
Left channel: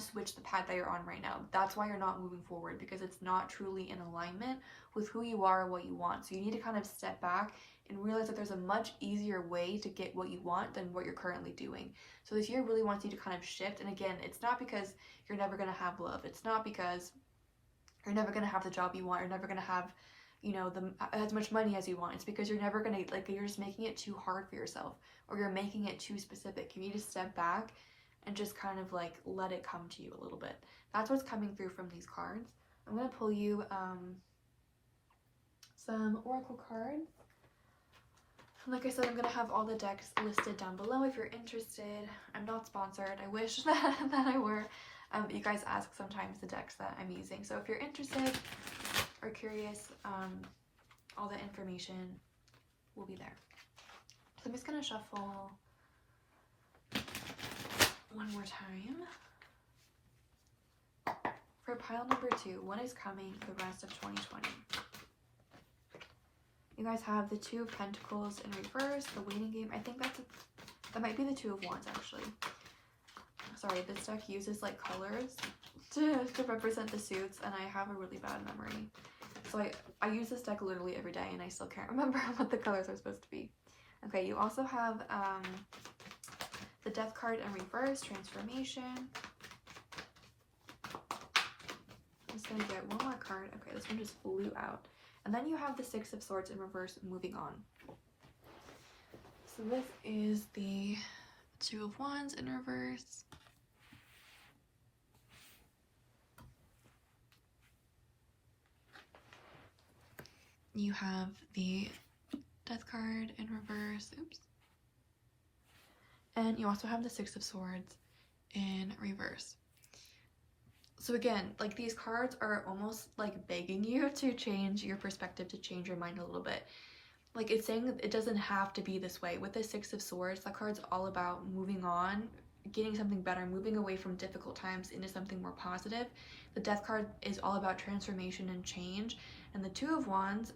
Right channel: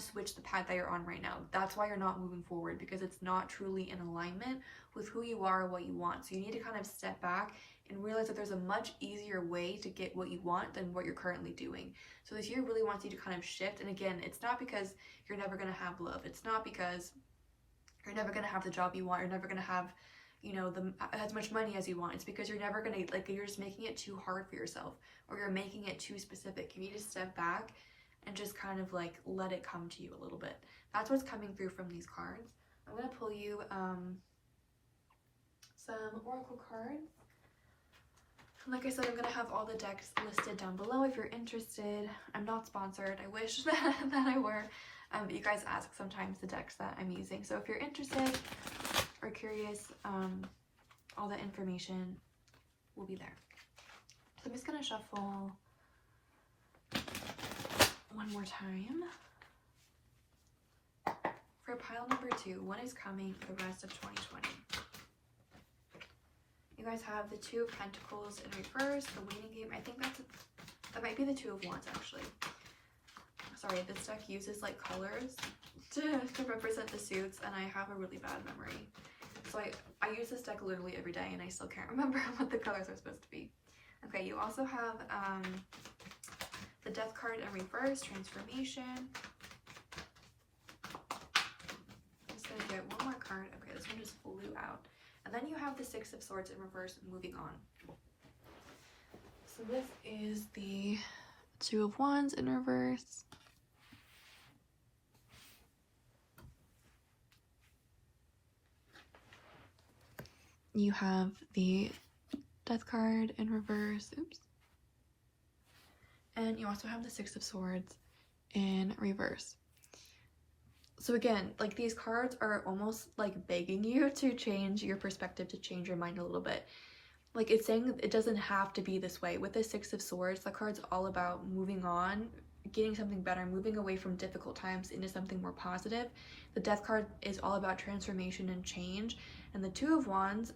switch the path that you're on right now. That's why you're not moving forward, because it's not truly in alignment with who you are or what you want. So you need to kind of step back and realize that there's a much easier way to get what you want than what you're currently doing. So this year really wants you to kind of shift. And again, it's not because you're never going to have love. It's not because you're never going to have the job you want. You're never going to have, you know, as much money as you want. It's because you're never going to, like, you're just making it too hard for yourself, or you're making it too specific. You need to step back and just kind of like let it come to you a little bit. That's what's coming through from these cards. I'm going to pull you some oracle cards. Like I said, I'm going to have all the decks listed down below if you're interested. I'm not sponsored. I wish that I were. You guys ask sometimes the decks that I'm using. So if you're interested or curious, all the information will be there. So I'm just going to shuffle one more time. For pile number 2, what is coming the rest of 2020? You guys have the Two of Pentacles in reverse, the waiting game. I think that might be the Two of Wands, actually. Sorry, this deck uses like colors to represent the suits, and I have a really bad memory. So I use this deck literally every day, and I still can't remember what the colors are supposed to be. Okay, you also have the Death card in reverse, transformation. I'm just gonna get one more card. Okay, this one just flew out. And then you have the Six of Swords in reverse, moving on. So this is the Two of Wands in reverse. You have the Death card in reverse. Oops. And you also have the Six of Swords in reverse. So again, like, these cards are almost like begging you to change your perspective, to change your mind a little bit. Like, it's saying that it doesn't have to be this way. With the Six of Swords, that card's all about moving on, getting something better, moving away from difficult times into something more positive. The Death card is all about transformation and change. And the Two of Wands,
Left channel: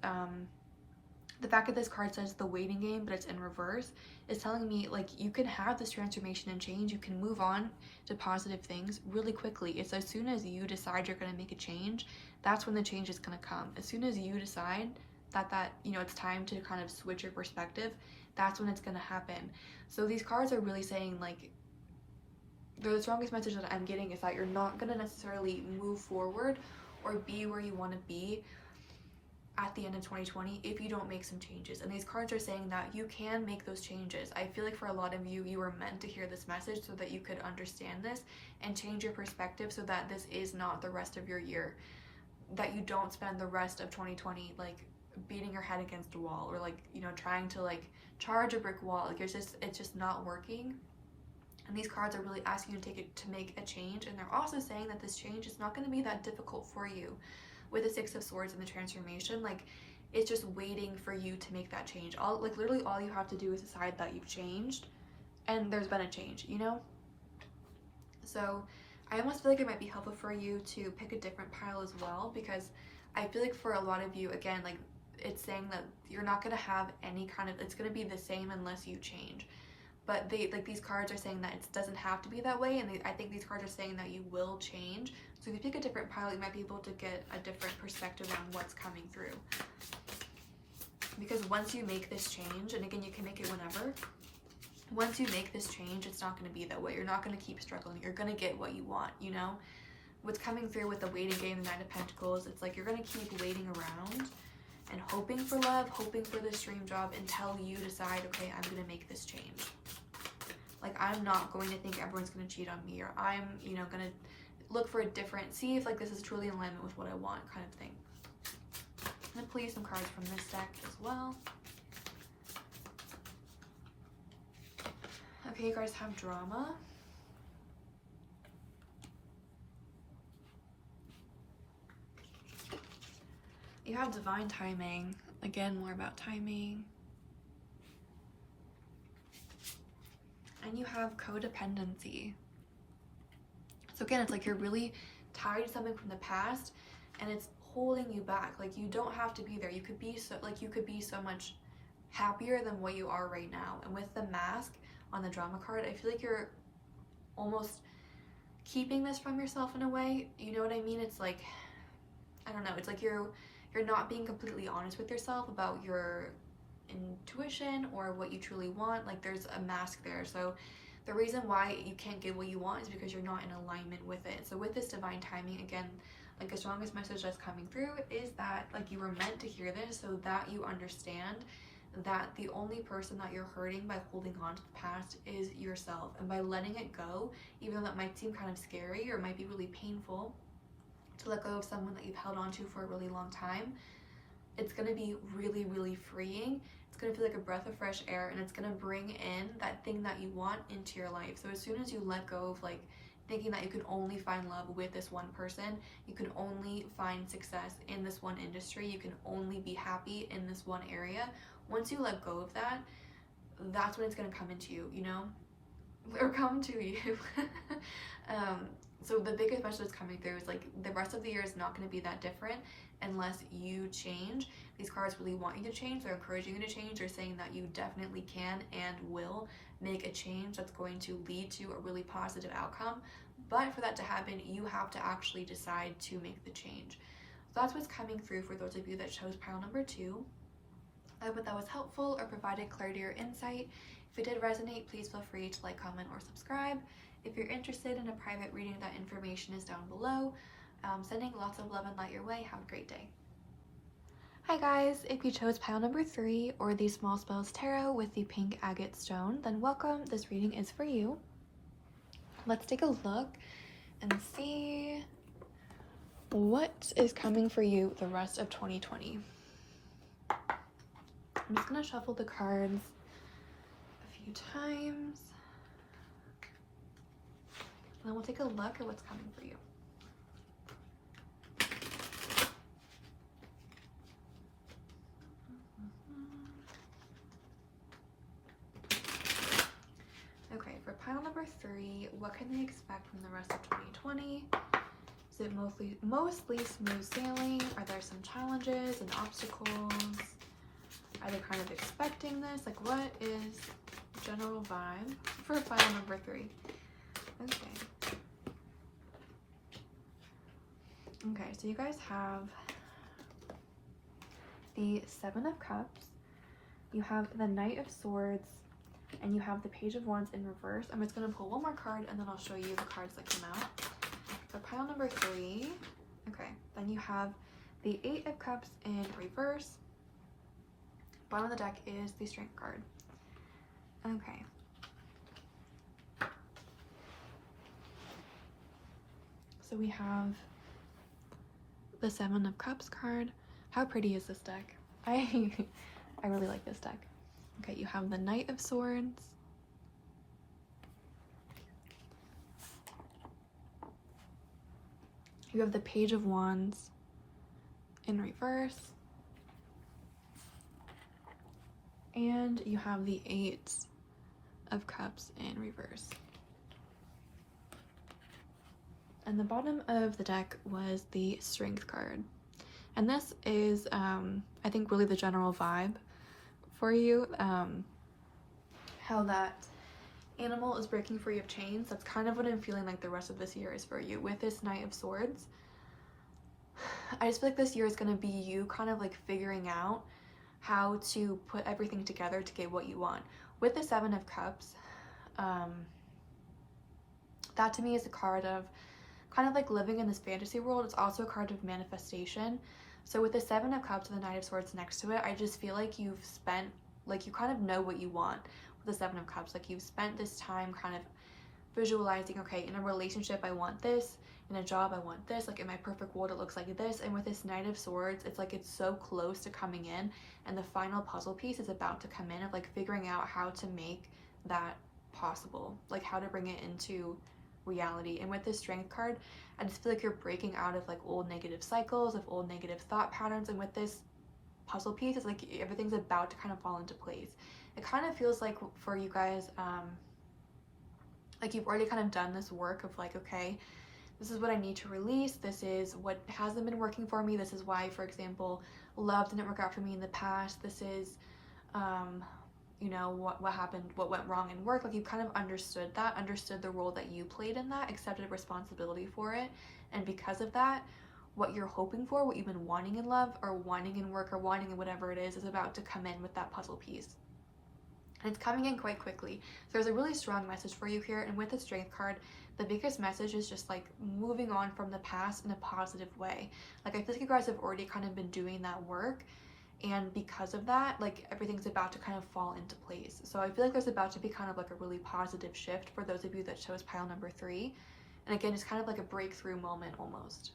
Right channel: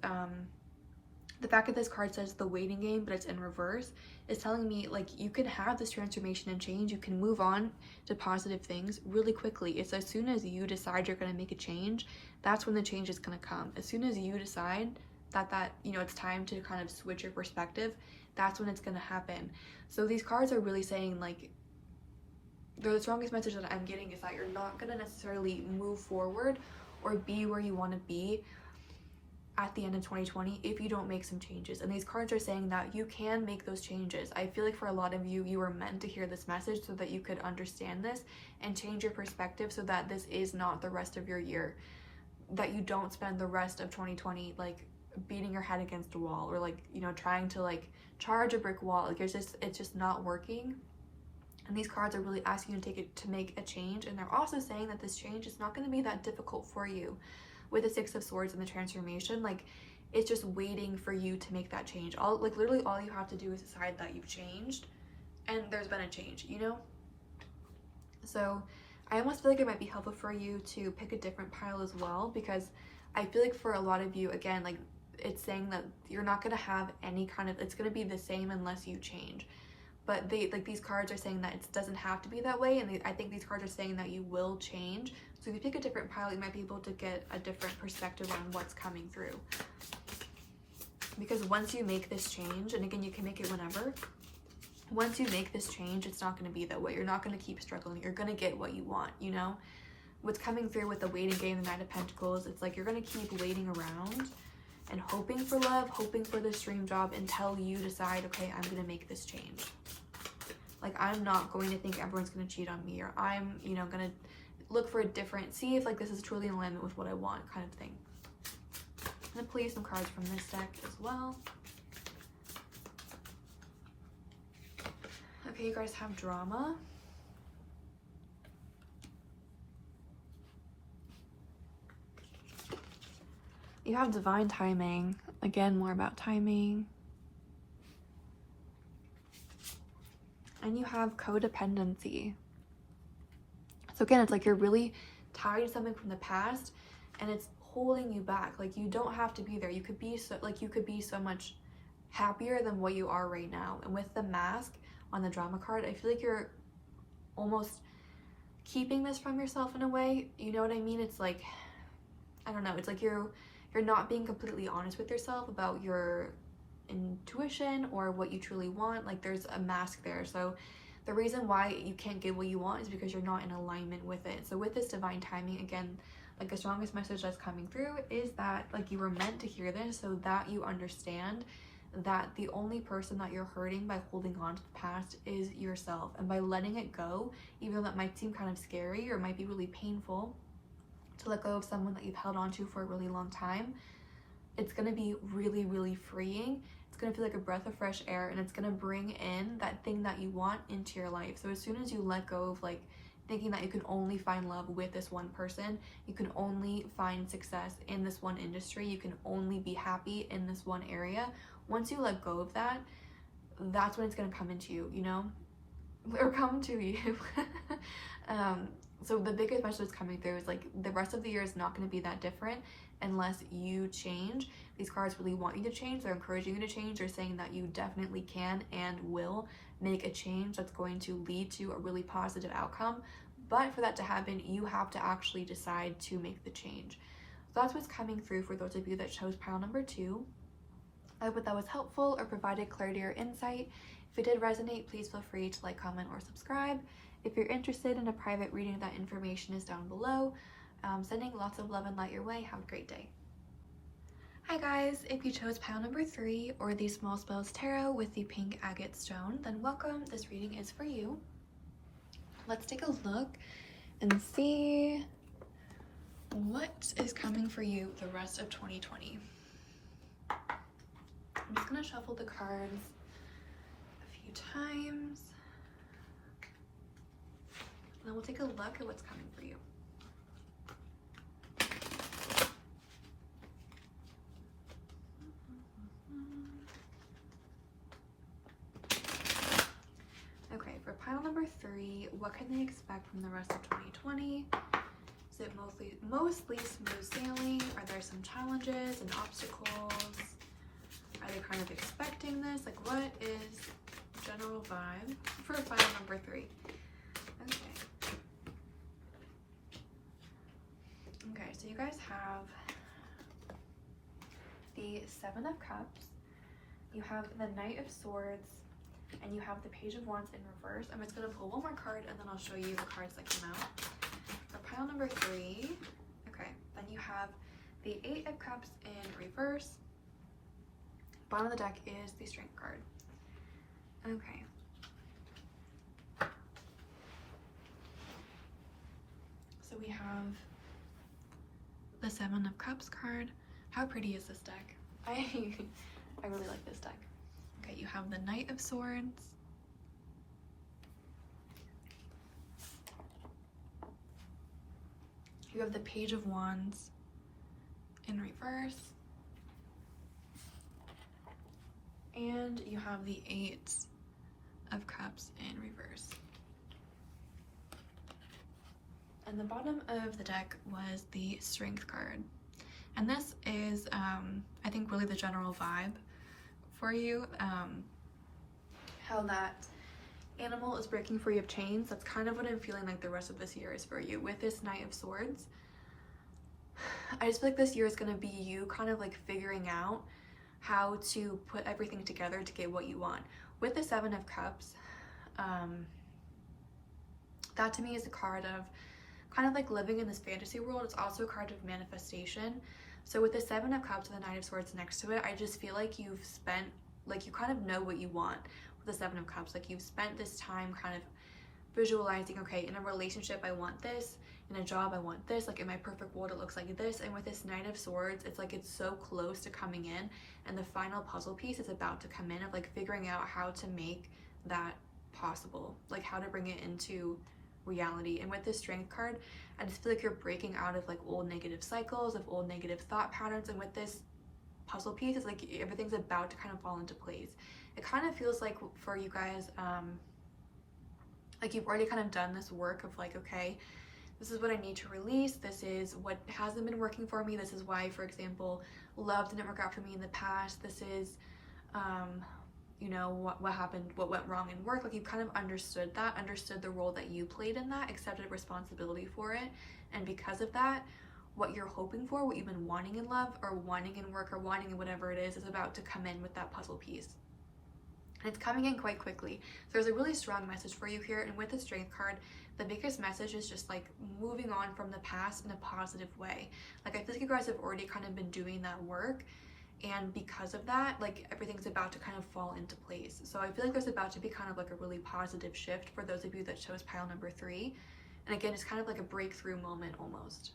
the fact that this card says the waiting game, but it's in reverse, is telling me, like, you can have this transformation and change. You can move on to positive things really quickly. It's as soon as you decide you're going to make a change, that's when the change is going to come. As soon as you decide that you know, it's time to kind of switch your perspective, that's when it's going to happen. So these cards are really saying, like, the strongest message that I'm getting is that you're not going to necessarily move forward or be where you want to be at the end of 2020 if you don't make some changes. And these cards are saying that you can make those changes. I feel like for a lot of you, you were meant to hear this message so that you could understand this and change your perspective, so that this is not the rest of your year, that you don't spend the rest of 2020 like beating your head against a wall, or like, you know, trying to like charge a brick wall. Like, it's just not working. And these cards are really asking you to make a change. And they're also saying that this change is not going to be that difficult for you. With the Six of Swords and the transformation, like, it's just waiting for you to make that change. Like literally all you have to do is decide that you've changed and there's been a change, you know? So I almost feel like it might be helpful for you to pick a different pile as well, because I feel like for a lot of you, again, like it's saying that you're not going to have any kind of, it's going to be the same unless you change. But these cards are saying that it doesn't have to be that way, and I think these cards are saying that you will change. So if you pick a different pile, you might be able to get a different perspective on what's coming through. Because once you make this change, and again, you can make it whenever, once you make this change, it's not going to be that way. You're not going to keep struggling. You're going to get what you want, you know? What's coming through with the waiting game, the Knight of Pentacles, it's like you're going to keep waiting around and hoping for love, hoping for this dream job until you decide, okay, I'm going to make this change. Like, I'm not going to think everyone's going to cheat on me, or I'm, you know, going to look for a different, see if like this is truly in alignment with what I want, kind of thing. I'm going to pull you some cards from this deck as well. Okay, you guys have drama. You have divine timing. Again, more about timing. And you have codependency. So again, it's like you're really tied to something from the past and it's holding you back. Like, you don't have to be there. You could be so much happier than what you are right now. And with the mask on the drama card, I feel like you're almost keeping this from yourself in a way. You know what I mean? It's like, I don't know, it's like you're not being completely honest with yourself about your intuition or what you truly want. Like, there's a mask there. So the reason why you can't get what you want is because you're not in alignment with it. So with this divine timing, again, like the strongest message that's coming through is that like you were meant to hear this so that you understand that the only person that you're hurting by holding on to the past is yourself. And by letting it go, even though that might seem kind of scary or might be really painful to let go of someone that you've held on to for a really long time, it's going to be really, really freeing. It's going to feel like a breath of fresh air, and it's going to bring in that thing that you want into your life. So as soon as you let go of like thinking that you can only find love with this one person, you can only find success in this one industry, you can only be happy in this one area, once you let go of that, that's when it's going to come into you, you know, or come to you. So the biggest message that's coming through is like the rest of the year is not going to be that different unless you change. These cards really want you to change. They're encouraging you to change. They're saying that you definitely can and will make a change that's going to lead to a really positive outcome. But for that to happen, you have to actually decide to make the change. So that's what's coming through for those of you that chose pile number 2. I hope that was helpful or provided clarity or insight. If it did resonate, please feel free to like, comment, or subscribe. If you're interested in a private reading, that information is down below. Sending lots of love and light your way. Have a great day. Hi guys, if you chose pile number 3 or the Small Spells Tarot with the pink agate stone, then welcome. This reading is for you. Let's take a look and see what is coming for you the rest of 2020. I'm just gonna shuffle the cards a few times. And then we'll take a look at what's coming for you. Okay, for pile number 3, what can they expect from the rest of 2020? Is it mostly smooth sailing? Are there some challenges and obstacles? Are they kind of expecting this? Like, what is general vibe for pile number 3? Okay. Okay, so you guys have the 7 of Cups, you have the Knight of Swords, and you have the Page of Wands in reverse. I'm just going to pull one more card and then I'll show you the cards that come out. For pile number 3, okay, then you have the 8 of Cups in reverse. Bottom of the deck is the Strength card. Okay. So we have the 7 of Cups card. How pretty is this deck? I really like this deck. Okay, you have the Knight of Swords. You have the Page of Wands in reverse. And you have the Eight of Cups in reverse. And the bottom of the deck was the Strength card. And this is, I think, really the general vibe for you. How that animal is breaking free of chains. That's kind of what I'm feeling like the rest of this year is for you. With this Knight of Swords, I just feel like this year is going to be you kind of like figuring out how to put everything together to get what you want. With the Seven of Cups, that to me is a card of kind of like living in this fantasy world. It's also a card of manifestation. So with the Seven of Cups and the Knight of Swords next to it, I just feel like you've spent, like you kind of know what you want with the Seven of Cups. Like you've spent this time kind of visualizing, okay, in a relationship I want this, in a job I want this, like in my perfect world it looks like this. And with this Knight of Swords, it's like it's so close to coming in, and the final puzzle piece is about to come in of like figuring out how to make that possible, like how to bring it into reality. And with this Strength card, I just feel like you're breaking out of like old negative cycles, of old negative thought patterns. And with this puzzle piece, it's like everything's about to kind of fall into place. It kind of feels like for you guys, like you've already kind of done this work of like, okay, this is what I need to release. This is what hasn't been working for me. This is why, for example, love didn't work out for me in the past. This is, you know, what happened, what went wrong in work. Like you've kind of understood that, understood the role that you played in that, accepted responsibility for it. And because of that, what you're hoping for, what you've been wanting in love or wanting in work or wanting in whatever it is about to come in with that puzzle piece. And it's coming in quite quickly. So there's a really strong message for you here. And with the Strength card, the biggest message is just like moving on from the past in a positive way. Like I feel like you guys have already kind of been doing that work. And because of that, like everything's about to kind of fall into place. So I feel like there's about to be kind of like a really positive shift for those of you that chose pile number 3. And again, it's kind of like a breakthrough moment almost.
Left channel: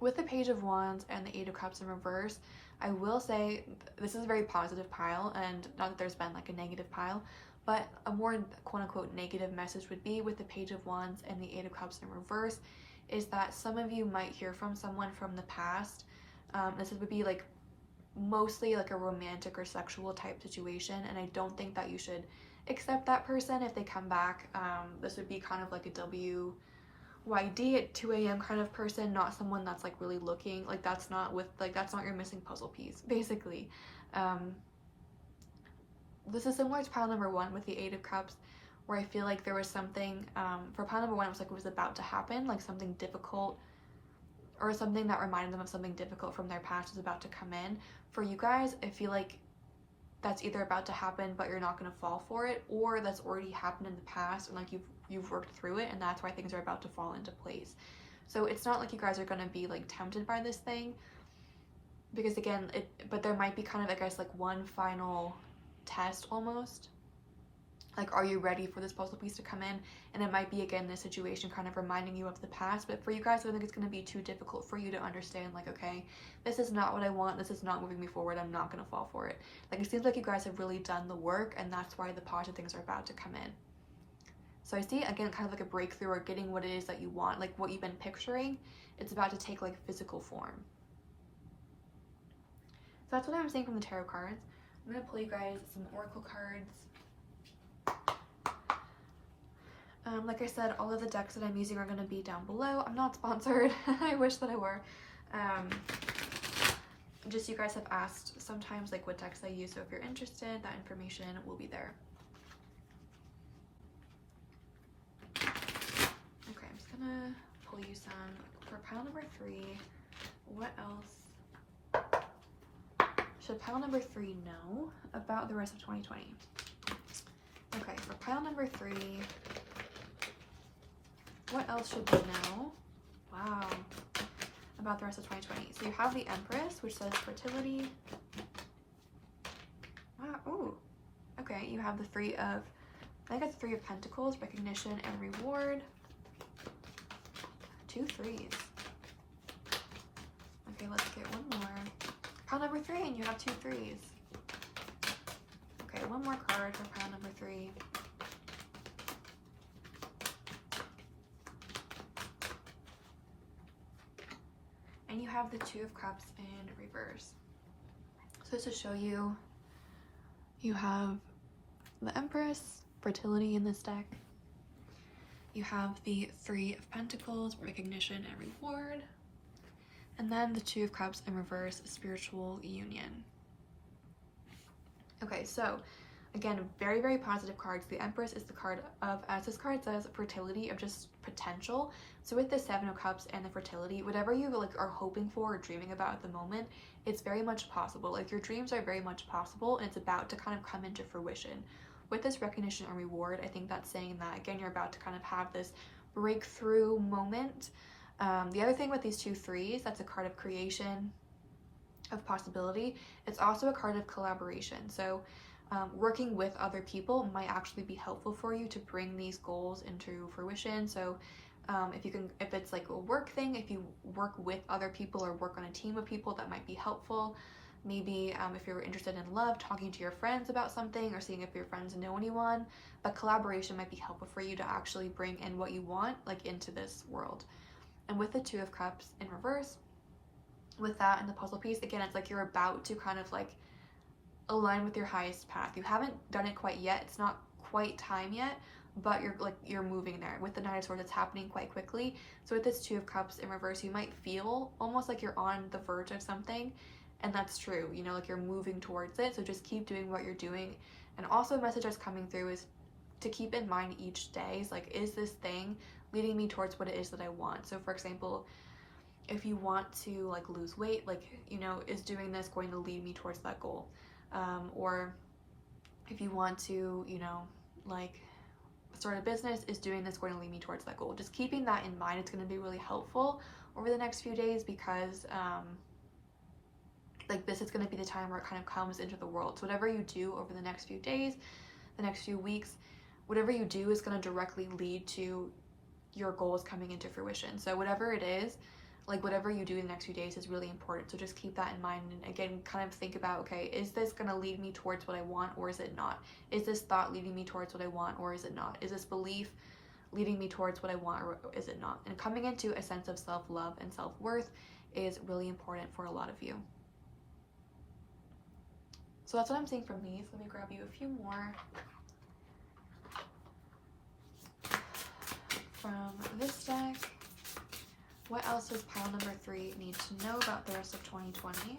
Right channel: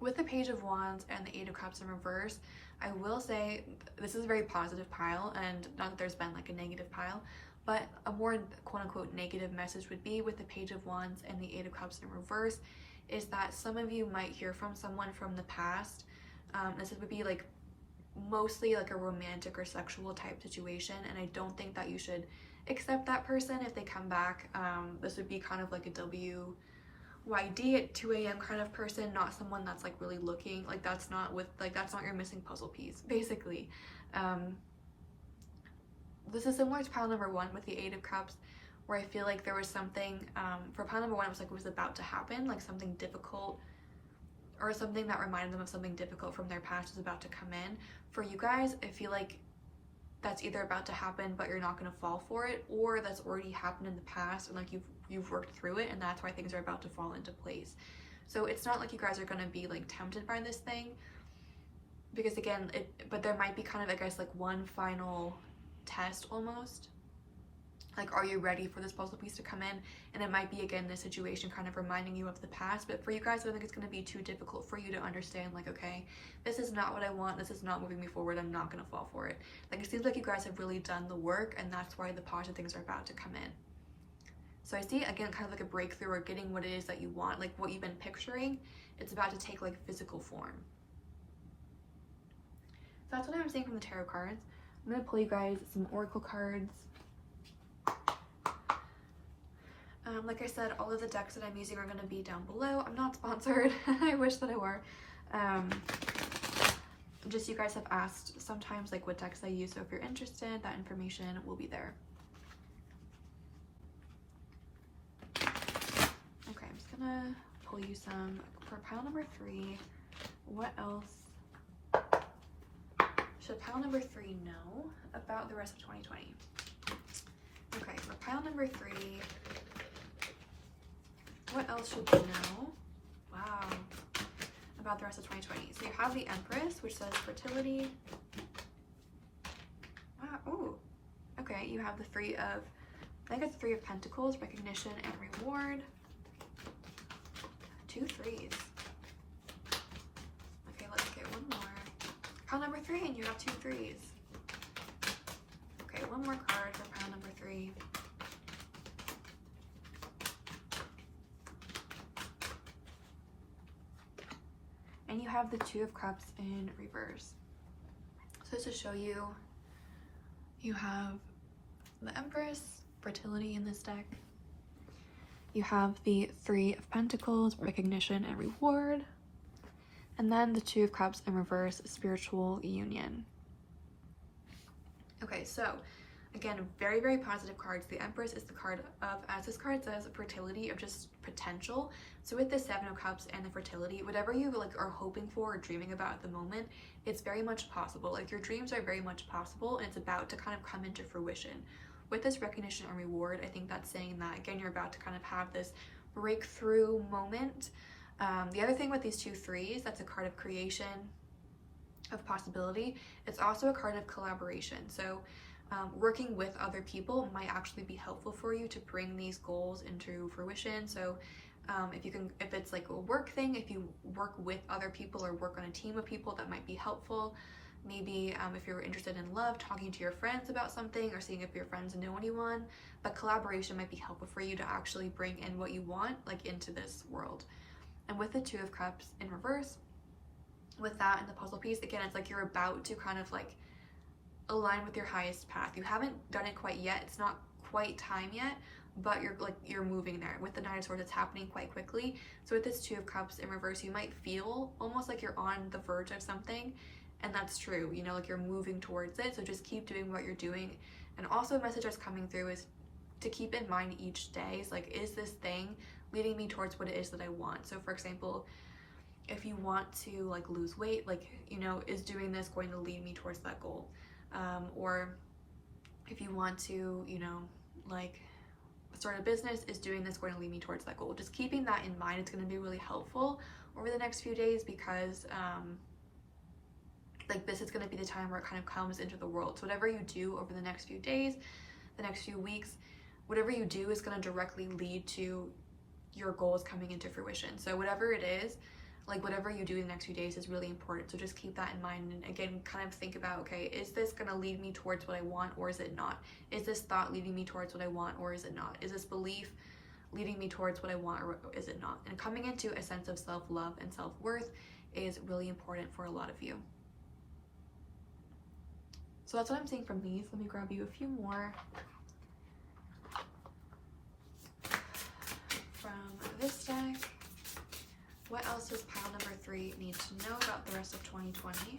With the Page of Wands and the Eight of Cups in reverse, I will say this is a very positive pile, and not that there's been like a negative pile, but a more quote-unquote negative message would be with the Page of Wands and the Eight of Cups in reverse is that some of you might hear from someone from the past. This would be like mostly like a romantic or sexual type situation, and I don't think that you should accept that person if they come back. This would be kind of like a WYD at 2 a.m. kind of person, not someone that's like really looking, like that's not your missing puzzle piece, basically. This is similar to pile number 1 with the Eight of Cups, where I feel like there was something, for pile number 1, it was like it was about to happen, like something difficult or something that reminded them of something difficult from their past was about to come in. For you guys, I feel like that's either about to happen but you're not going to fall for it, or that's already happened in the past and like you've worked through it, and that's why things are about to fall into place. So it's not like you guys are going to be like tempted by this thing, because again, but there might be kind of, I guess, like one final test almost. Like, are you ready for this puzzle piece to come in? And it might be, again, this situation kind of reminding you of the past. But for you guys, I think it's going to be too difficult for you to understand, like, okay, this is not what I want. This is not moving me forward. I'm not going to fall for it. Like, it seems like you guys have really done the work, and that's why the positive things are about to come in. So I see, again, kind of like a breakthrough or getting what it is that you want. Like, what you've been picturing, it's about to take, like, physical form. So that's what I'm saying from the tarot cards. I'm going to pull you guys some oracle cards. Like I said, all of the decks that I'm using are going to be down below. I'm not sponsored. I wish that I were. Just you guys have asked sometimes like what decks I use, so if you're interested, that information will be there. Okay, I'm just gonna pull you some for pile number 3. What else should pile number 3 know about the rest of 2020? Okay, for pile number 3, what else should they know? Wow. About the rest of 2020. So you have the Empress, which says fertility. Wow. Ooh. Okay, you have the Three of, I think it's 3 of Pentacles, recognition and reward. 2 3s. Okay, let's get one more. Pile number 3, and you have 2 3s. Okay, one more card for pile number 3. And you have the Two of Cups in reverse. So just to show you, you have the Empress, fertility in this deck. You have the Three of Pentacles, recognition and reward. And then the Two of Cups in reverse, spiritual union. Okay, so again, very, very positive cards. The Empress is the card of, as this card says, fertility, of just potential. So with the Seven of Cups and the fertility, whatever you like are hoping for or dreaming about at the moment, it's very much possible. Like your dreams are very much possible and it's about to kind of come into fruition. With this recognition and reward, I think that's saying that, again, you're about to kind of have this breakthrough moment. The other thing with these two threes, that's a card of creation, of possibility. It's also a card of collaboration. So working with other people might actually be helpful for you to bring these goals into fruition. So if it's like a work thing, if you work with other people or work on a team of people, that might be helpful. Maybe if you're interested in love, talking to your friends about something or seeing if your friends know anyone, but collaboration might be helpful for you to actually bring in what you want like into this world. And with the Two of Cups in reverse, with that and the puzzle piece, again, it's like you're about to kind of like align with your highest path. You haven't done it quite yet. It's not quite time yet, but you're moving there. With the Knight of Swords, it's happening quite quickly. So with this Two of Cups in reverse, you might feel almost like you're on the verge of something, and that's true, you know, like you're moving towards it. So just keep doing what you're doing. And also a message that's coming through is to keep in mind each day is like, is this thing leading me towards what it is that I want? So for example, if you want to like lose weight, like, you know, is doing this going to lead me towards that goal? Or if you want to, you know, like start a business, is doing this going to lead me towards that goal? Just keeping that in mind, it's going to be really helpful over the next few days, because like this is going to be the time where it kind of comes into the world. So whatever you do over the next few days, the next few weeks, whatever you do is going to directly lead to your goals coming into fruition. So whatever it is, like whatever you do in the next few days is really important. So just keep that in mind. And again, kind of think about, okay, is this going to lead me towards what I want, or is it not? Is this thought leading me towards what I want, or is it not? Is this belief leading me towards what I want, or is it not? And coming into a sense of self-love and self-worth is really important for a lot of you. So that's what I'm seeing from these. Let me grab you a few more from this deck. What else does pile number 3 need to know about the rest of 2020?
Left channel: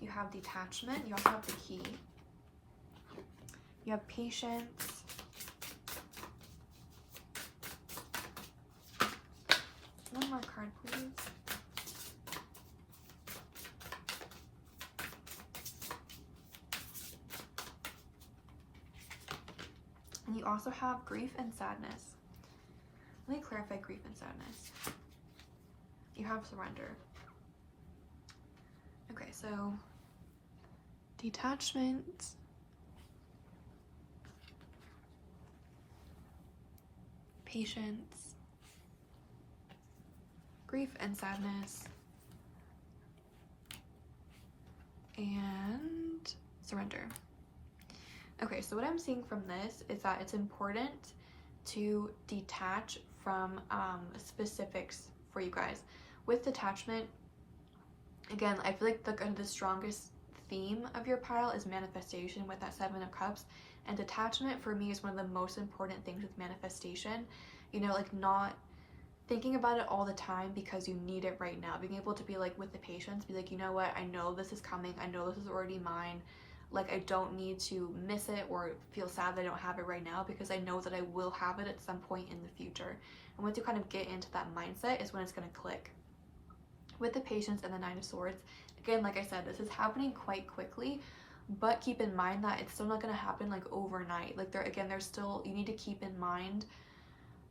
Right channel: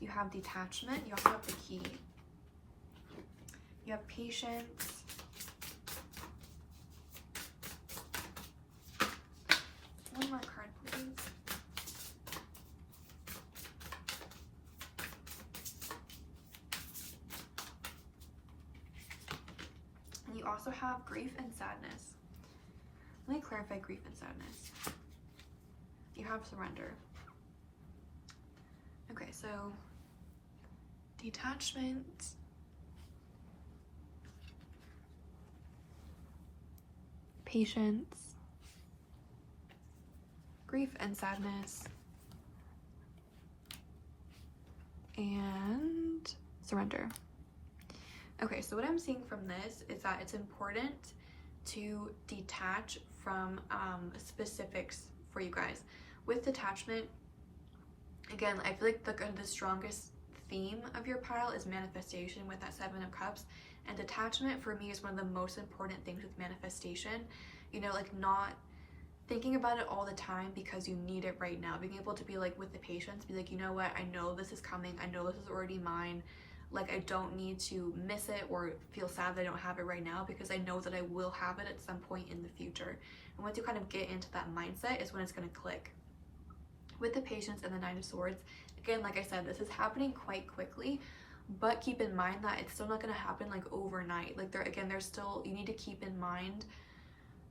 You have detachment. You also have the key. You have patience. One more card, please. And you also have grief and sadness. Let me clarify grief and sadness. You have surrender. Okay, so detachment, patience, grief and sadness, and surrender. Okay, so what I'm seeing from this is that it's important to detach from specifics for you guys. With detachment, again, I feel like the strongest theme of your pile is manifestation with that Seven of Cups, and detachment for me is one of the most important things with manifestation. You know, like not thinking about it all the time because you need it right now. Being able to be like, with the patience, be like, you know what, I know this is coming, I know this is already mine. Like, I don't need to miss it or feel sad that I don't have it right now, because I know that I will have it at some point in the future. And once you kind of get into that mindset is when it's going to click. With the patience and the Nine of Swords, again, like I said, this is happening quite quickly, but keep in mind that it's still not going to happen like overnight. Like there's still, you need to keep in mind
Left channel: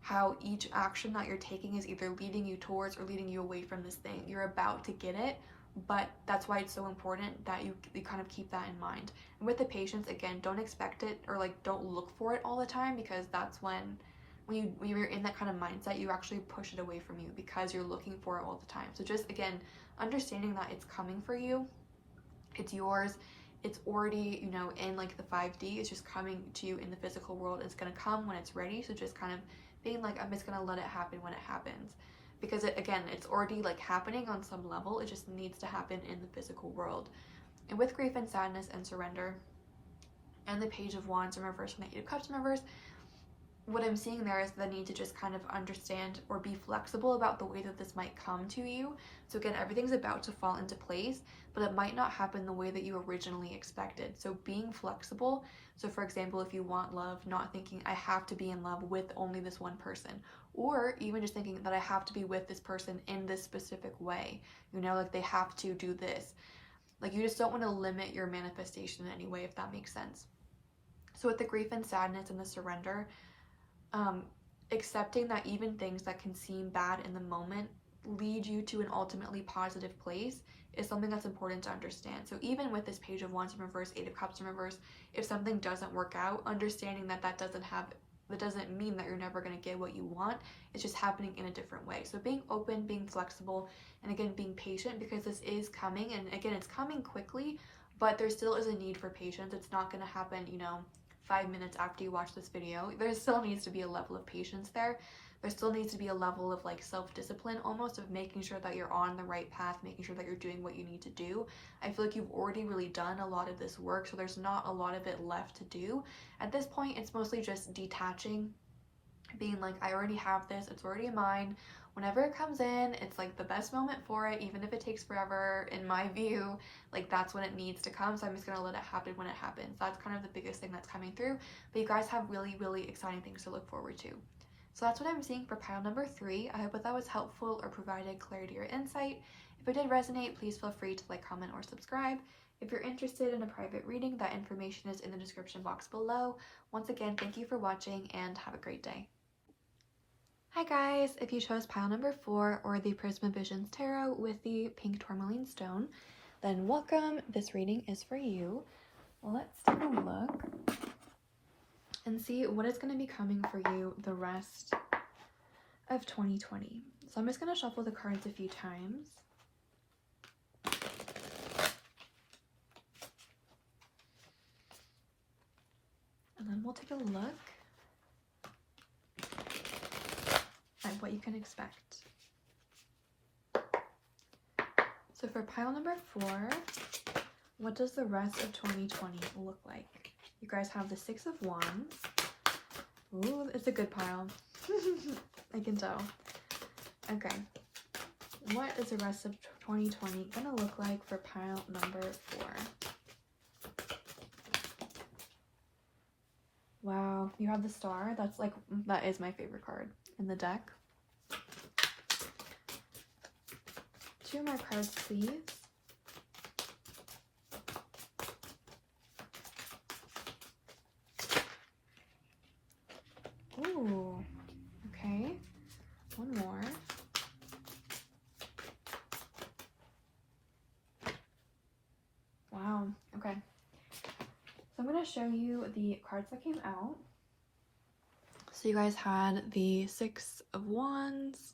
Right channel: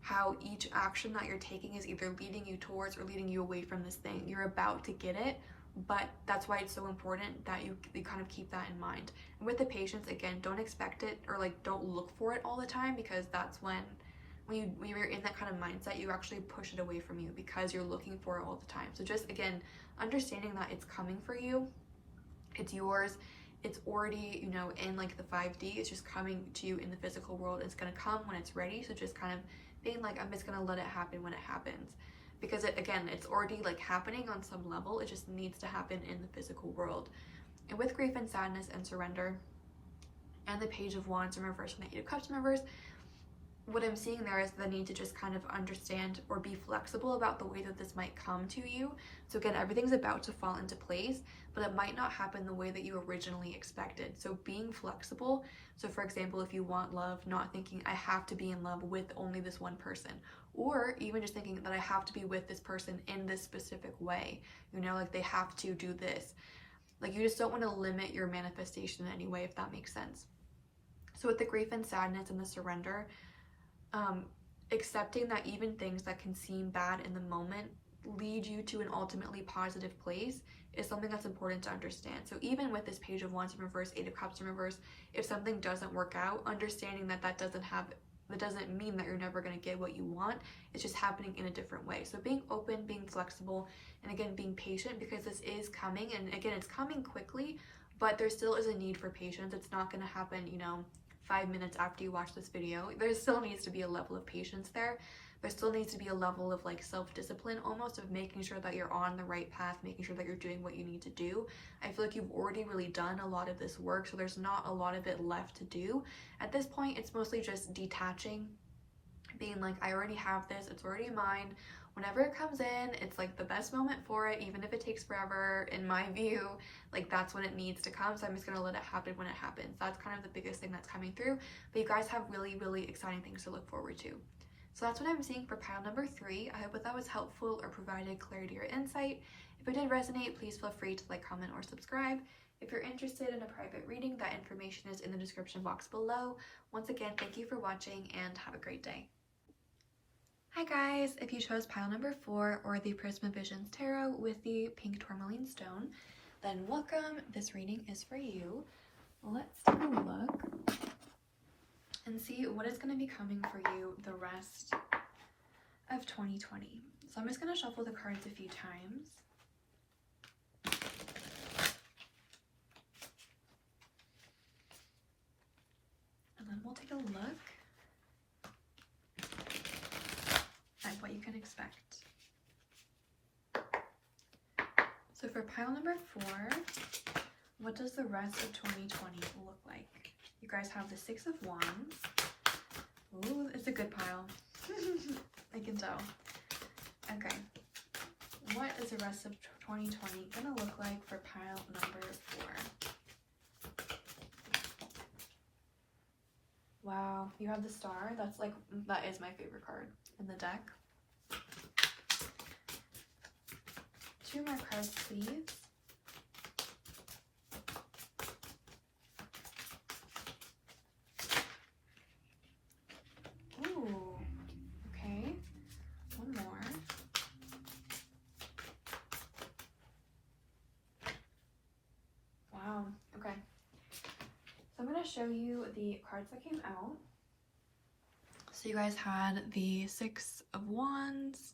how each action that you're taking is either leading you towards or leading you away from this thing. You're about to get it, but that's why it's so important that you kind of keep that in mind. And with the patience, again, don't expect it, or like don't look for it all the time, because that's when you're in that kind of mindset, you actually push it away from you because you're looking for it all the time. So just, again, understanding that it's coming for you, it's yours, it's already, you know, in like the 5D, it's just coming to you in the physical world. It's gonna come when it's ready. So just kind of being like, I'm just gonna let it happen when it happens. because again, it's already like happening on some level. It just needs to happen in the physical world. And with grief and sadness and surrender and the Page of Wands in reverse and the Eight of Cups in reverse, what I'm seeing there is the need to just kind of understand or be flexible about the way that this might come to you. So again, everything's about to fall into place, but it might not happen the way that you originally expected. So being flexible. So for example, if you want love, not thinking I have to be in love with only this one person, or even just thinking that I have to be with this person in this specific way, you know, like they have to do this. Like you just don't want to limit your manifestation in any way, if that makes sense. So with the grief and sadness and the surrender, accepting that even things that can seem bad in the moment lead you to an ultimately positive place is something that's important to understand. So even with this Page of Wands in reverse, Eight of Cups in reverse, if something doesn't work out, understanding that that doesn't mean that you're never going to get what you want. It's just happening in a different way. So being open, being flexible, and again, being patient, because this is coming, and again, it's coming quickly, but there still is a need for patience. It's not going to happen, you know, 5 minutes after you watch this video. There still needs to be a level of patience there. There still needs to be a level of like self-discipline, almost, of making sure that you're on the right path, making sure that you're doing what you need to do. I feel like you've already really done a lot of this work, so there's not a lot of it left to do. At this point, it's mostly just detaching, being like, I already have this, it's already mine. Whenever it comes in, it's like the best moment for it, even if it takes forever, in my view. Like that's when it needs to come, so I'm just gonna let it happen when it happens. That's kind of the biggest thing that's coming through, but you guys have really, really exciting things to look forward to. So that's what I'm seeing for pile number 3. I hope that was helpful or provided clarity or insight. If it did resonate, please feel free to like, comment, or subscribe. If you're interested in a private reading, that information is in the description box below. Once again, thank you for watching and have a great day. Hi guys, if you chose pile number 4 or the Prismavisions Tarot with the pink tourmaline stone, then welcome. This reading is for you. Let's take a look and see what is going to be coming for you the rest of 2020. So I'm just going to shuffle the cards a few times. And then we'll take a look at what you can expect. So for pile number 4, what does the rest of 2020 look like? You guys have the Six of Wands. Ooh, it's a good pile. I can tell. Okay. What is the rest of 2020 gonna look like for pile number 4? Wow, you have the Star. That is my favorite card in the deck. 2 more cards, please. Ooh, okay. 1 more. Wow, okay. So I'm going to show you the cards that came out. So you guys had the Six of Wands.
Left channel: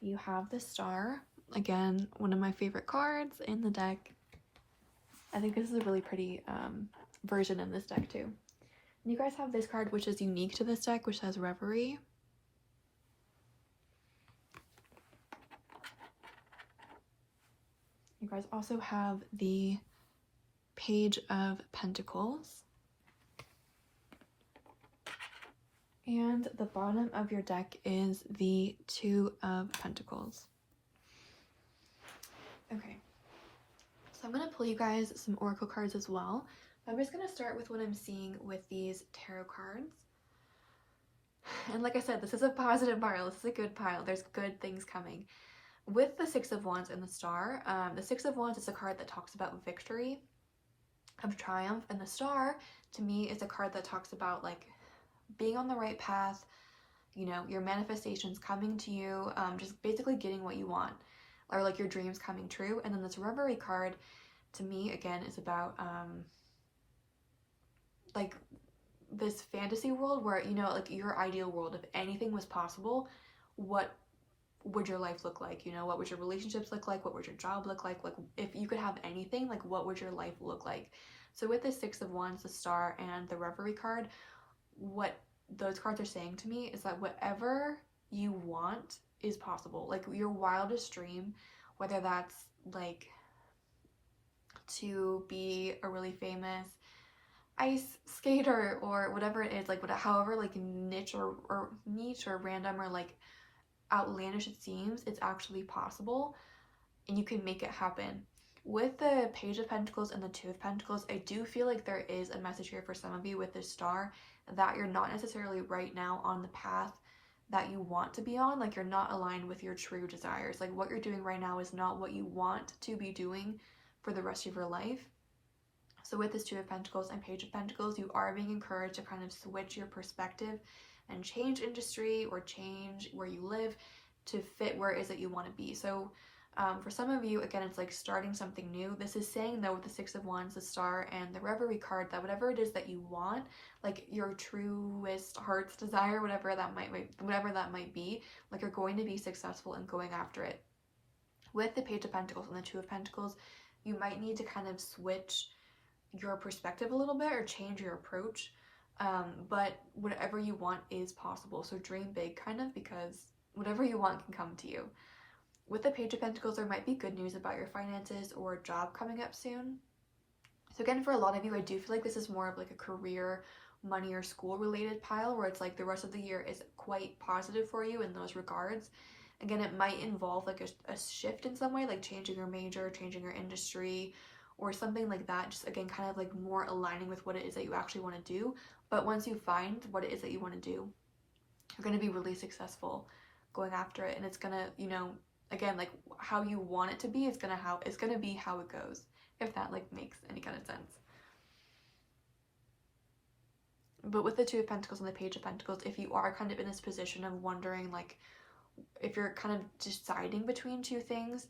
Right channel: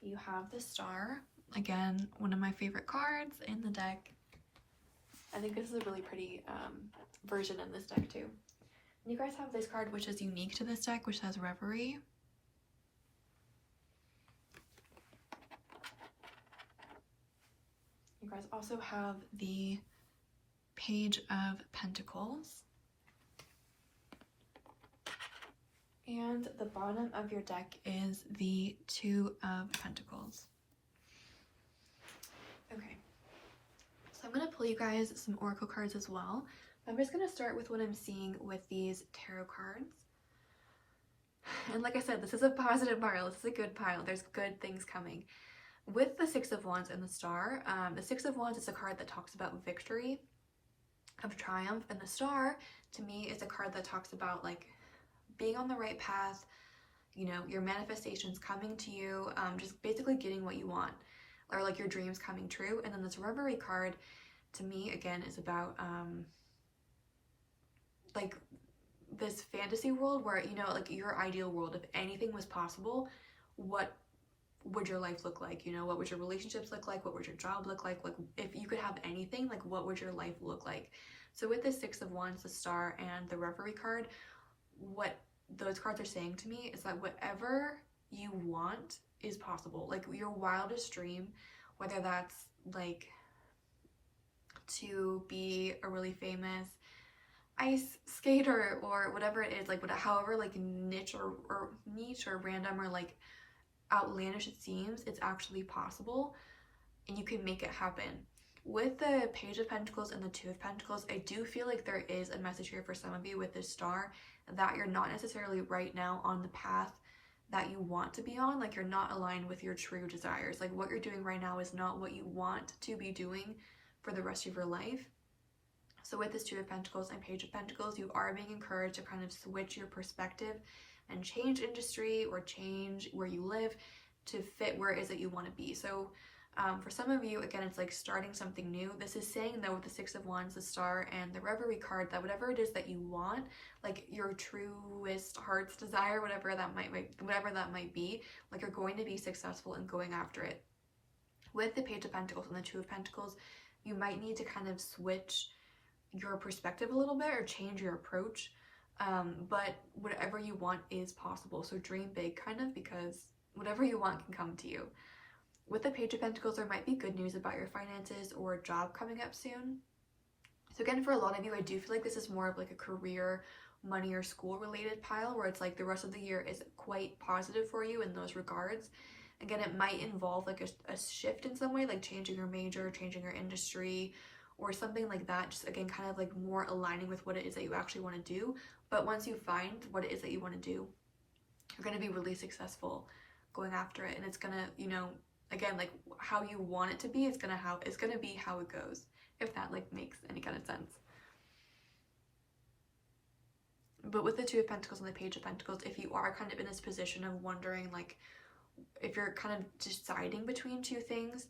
You have the Star. Again, one of my favorite cards in the deck. I think this is a really pretty version in this deck too. And you guys have this card, which is unique to this deck, which has Reverie. You guys also have the Page of Pentacles. And the bottom of your deck is the Two of Pentacles. Okay. So I'm going to pull you guys some oracle cards as well. I'm just going to start with what I'm seeing with these tarot cards. And like I said, this is a positive pile. This is a good pile. There's good things coming. With the Six of Wands and the Star, the Six of Wands is a card that talks about victory, of triumph, and the Star, to me, is a card that talks about like being on the right path, you know, your manifestations coming to you, just basically getting what you want, or like your dreams coming true. And then this Reverie card, to me, again, is about like this fantasy world where, you know, like your ideal world, if anything was possible, what would your life look like? You know, what would your relationships look like? What would your job look like? Like if you could have anything, like what would your life look like? So with the Six of Wands, the Star, and the Reverie card, what those cards are saying to me is that whatever you want is possible. Like your wildest dream, whether that's like to be a really famous ice skater or whatever it is, like however like niche or random or like outlandish it seems, it's actually possible and you can make it happen. With the Page of Pentacles and the Two of Pentacles, I do feel like there is a message here for some of you with this star that you're not necessarily right now on the path that you want to be on. Like you're not aligned with your true desires. Like what you're doing right now is not what you want to be doing for the rest of your life. So with this Two of Pentacles and Page of Pentacles, you are being encouraged to kind of switch your perspective and change industry or change where you live to fit where it is that you want to be. So for some of you, again, it's like starting something new. This is saying though with the Six of Wands, the Star, and the Reverie card that whatever it is that you want, like your truest heart's desire, whatever that might be, like you're going to be successful in going after it. With the Page of Pentacles and the Two of Pentacles, you might need to kind of switch your perspective a little bit or change your approach. But whatever you want is possible. So dream big kind of, because whatever you want can come to you. With the Page of Pentacles, there might be good news about your finances or a job coming up soon. So again, for a lot of you, I do feel like this is more of like a career, money, or school related pile where it's like the rest of the year is quite positive for you in those regards. Again, it might involve like a shift in some way, like changing your major, changing your industry, or something like that. Just again, kind of like more aligning with what it is that you actually want to do. But once you find what it is that you want to do, you're going to be really successful going after it. And it's going to, you know, again, like how you want it to be, it's gonna be how it goes, if that like makes any kind of sense. But with the Two of Pentacles and the Page of Pentacles, if you are kind of in this position of wondering, like if you're kind of deciding between two things,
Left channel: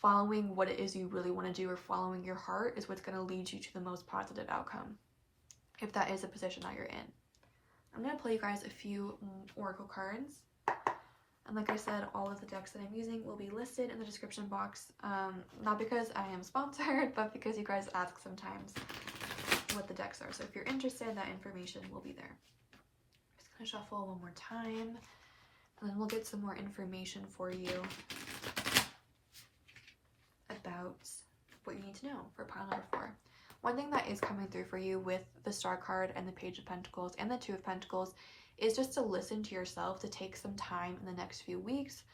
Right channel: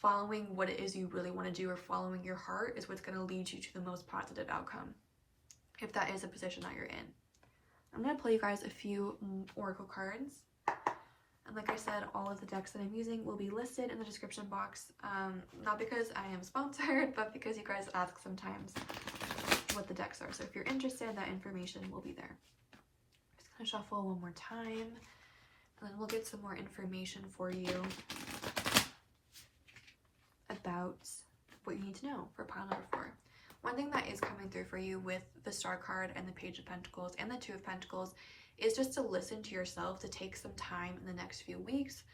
following what it is you really want to do or following your heart is what's going to lead you to the most positive outcome, if that is a position that you're in. I'm going to play you guys a few oracle cards. And like I said, all of the decks that I'm using will be listed in the description box. Not because I am sponsored, but because you guys ask sometimes what the decks are. So if you're interested, that information will be there. I'm just going to shuffle one more time. And then we'll get some more information for you about what you need to know for pile number 4. One thing that is coming through for you with the Star card and the Page of Pentacles and the Two of Pentacles is just to listen to yourself, to take some time in the next few weeks,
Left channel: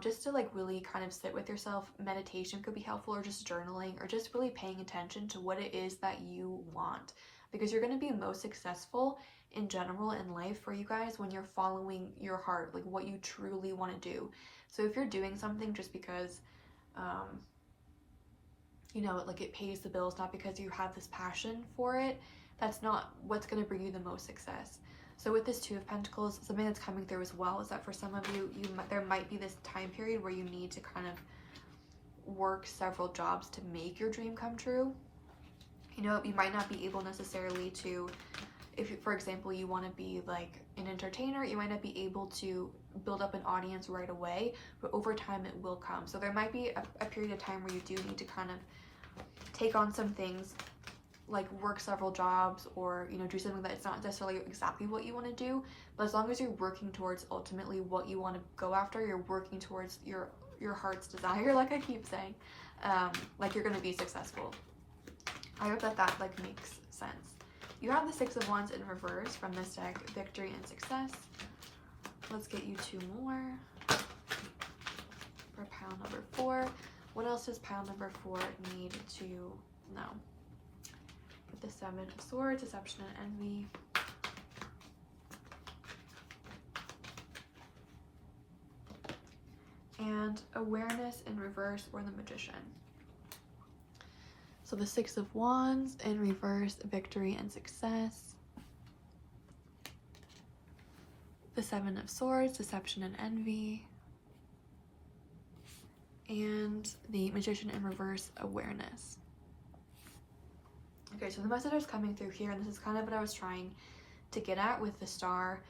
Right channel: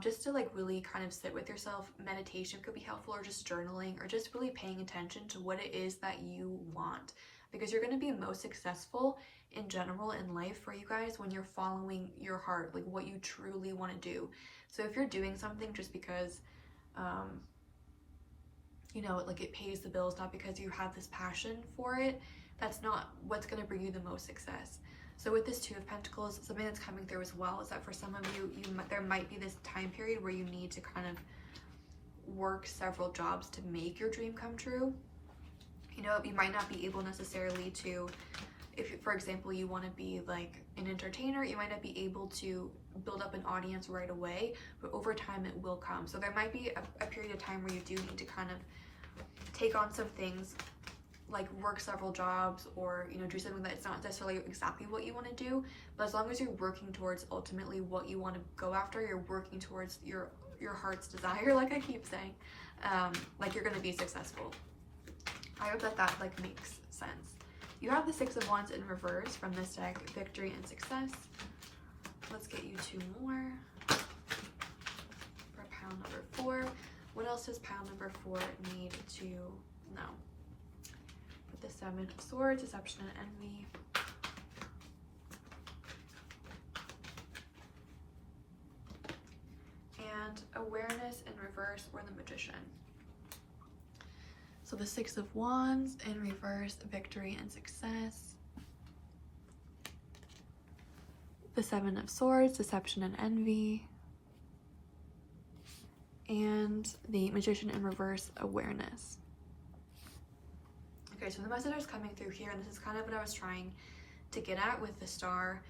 just to like really kind of sit with yourself. Meditation could be helpful, or just journaling, or just really paying attention to what it is that you want, because you're going to be most successful in general in life for you guys when you're following your heart, like what you truly want to do. So if you're doing something just because you know, like it pays the bills, not because you have this passion for it, that's not what's going to bring you the most success. So with this Two of Pentacles, something that's coming through as well is that for some of you, there might be this time period where you need to kind of work several jobs to make your dream come true. You know, you might not be able necessarily to, if for example, you want to be like an entertainer, you might not be able to build up an audience right away, but over time it will come. So there might be a period of time where you do need to kind of take on some things, like work several jobs, or you know, do something that's not necessarily exactly what you want to do, but as long as you're working towards ultimately what you want to go after, you're working towards your heart's desire, like I keep saying, like you're going to be successful. I hope that like makes sense. You have the Six of Wands in reverse from this deck, Victory and Success. Let's get you 2 more for pile number 4. What else does pile number 4 need to know? With the Seven of Swords, Deception and Envy. And Awareness in reverse, or the Magician. So the Six of Wands in reverse, Victory and Success. The Seven of Swords, Deception and Envy. And the Magician in reverse, Awareness. Okay, so the message is coming through here, and this is kind of what I was trying to get at with the Star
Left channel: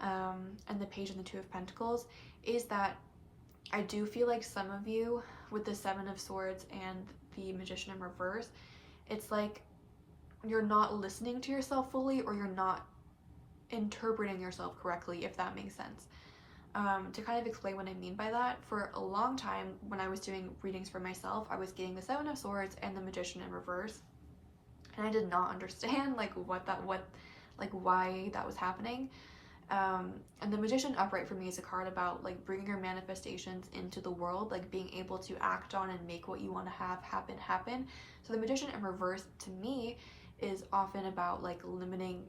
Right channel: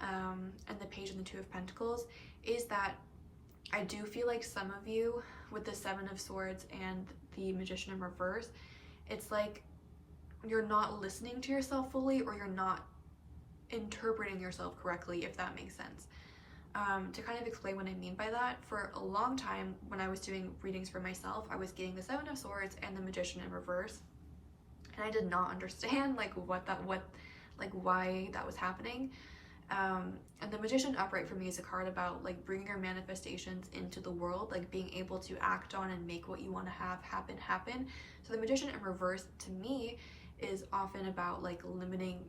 and the Page and the Two of Pentacles, is that I do feel like some of you with the Seven of Swords and the Magician in reverse, it's like you're not listening to yourself fully, or you're not interpreting yourself correctly, if that makes sense. To kind of explain what I mean by that, for a long time when I was doing readings for myself, I was getting the Seven of Swords and the Magician in reverse, and I did not understand like why that was happening. And the Magician upright for me is a card about like bringing your manifestations into the world, like being able to act on and make what you want to have happen. So the Magician in reverse to me is often about like limiting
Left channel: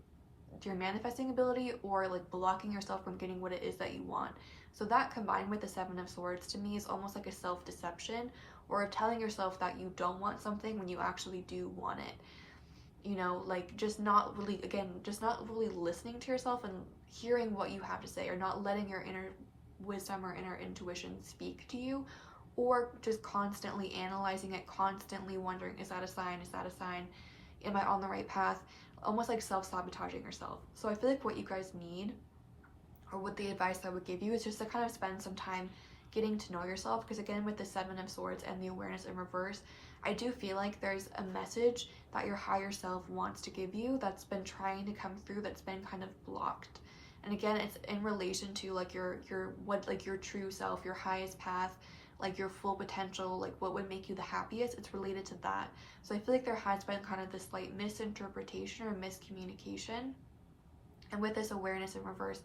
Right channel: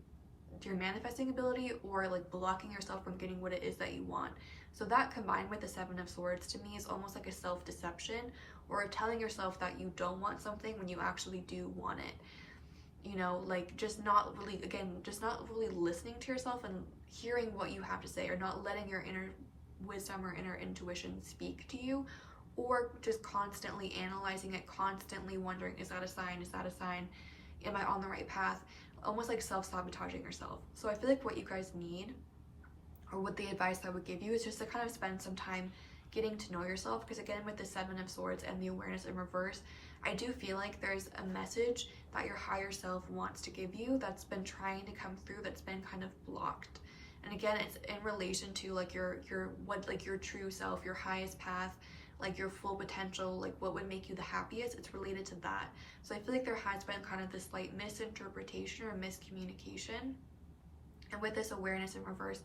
your manifesting ability or like blocking yourself from getting what it is that you want. So that combined with the Seven of Swords to me is almost like a self-deception, or telling yourself that you don't want something when you actually do want it. You know, like just not really listening to yourself and hearing what you have to say, or not letting your inner wisdom or inner intuition speak to you, or just constantly analyzing it, constantly wondering, is that a sign? Is that a sign? Am I on the right path? Almost like self-sabotaging yourself. So I feel like what you guys need, or what the advice I would give you, is just to kind of spend some time getting to know yourself, because again, with the Seven of Swords and the awareness in reverse, I do feel like there's a message that your higher self wants to give you that's been trying to come through, that's been kind of blocked. And again, it's in relation to like your true self, your highest path, like your full potential, like what would make you the happiest. It's related to that. So I feel like there has been kind of this slight misinterpretation or miscommunication. And with this awareness in reverse,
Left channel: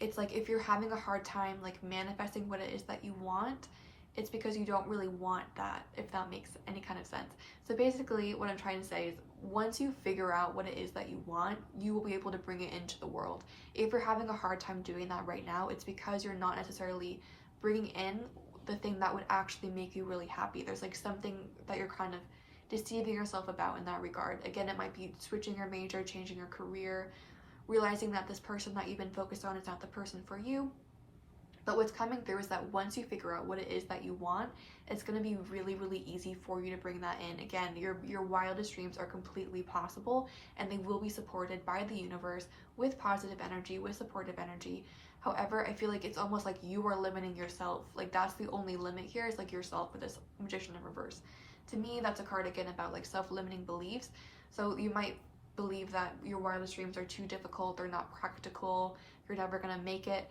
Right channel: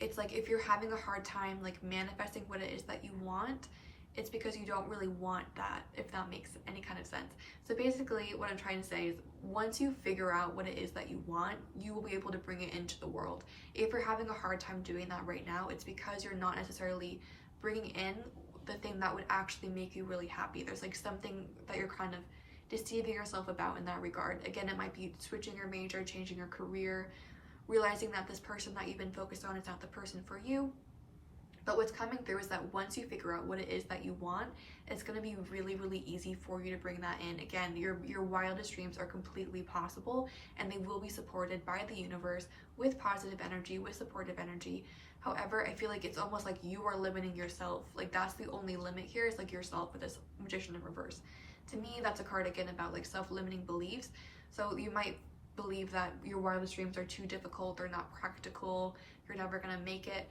it's like if you're having a hard time like manifesting what it is that you want, it's because you don't really want that, if that makes any kind of sense. So basically what I'm trying to say is, once you figure out what it is that you want, you will be able to bring it into the world. If you're having a hard time doing that right now, it's because you're not necessarily bringing in the thing that would actually make you really happy. There's like something that you're kind of deceiving yourself about in that regard. Again, it might be switching your major, changing your career, realizing that this person that you've been focused on is not the person for you. But what's coming through is that once you figure out what it is that you want, it's going to be really, really easy for you to bring that in. Again, your wildest dreams are completely possible, and they will be supported by the universe with positive energy, with supportive energy. However, I feel like it's almost like you are limiting yourself. Like that's the only limit here, is like yourself with this Magician in reverse. To me, that's a card again about like self-limiting beliefs. So you might believe that your wildest dreams are too difficult, they're not practical, you're never going to make it.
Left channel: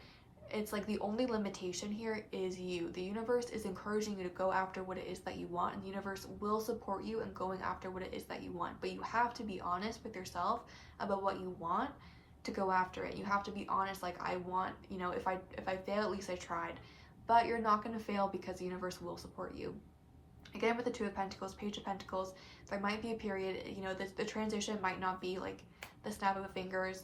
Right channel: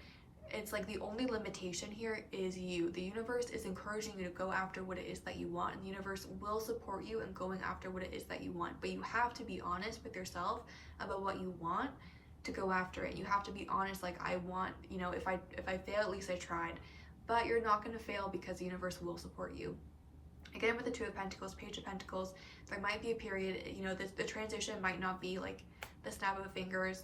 It's like the only limitation here is you. The universe is encouraging you to go after what it is that you want, and the universe will support you in going after what it is that you want. But you have to be honest with yourself about what you want to go after it. You have to be honest, like, I want, you know, if I fail, at least I tried. But you're not going to fail, because the universe will support you. Again, with the Two of Pentacles, Page of Pentacles, there might be a period, you know, the transition might not be like the snap of a fingers.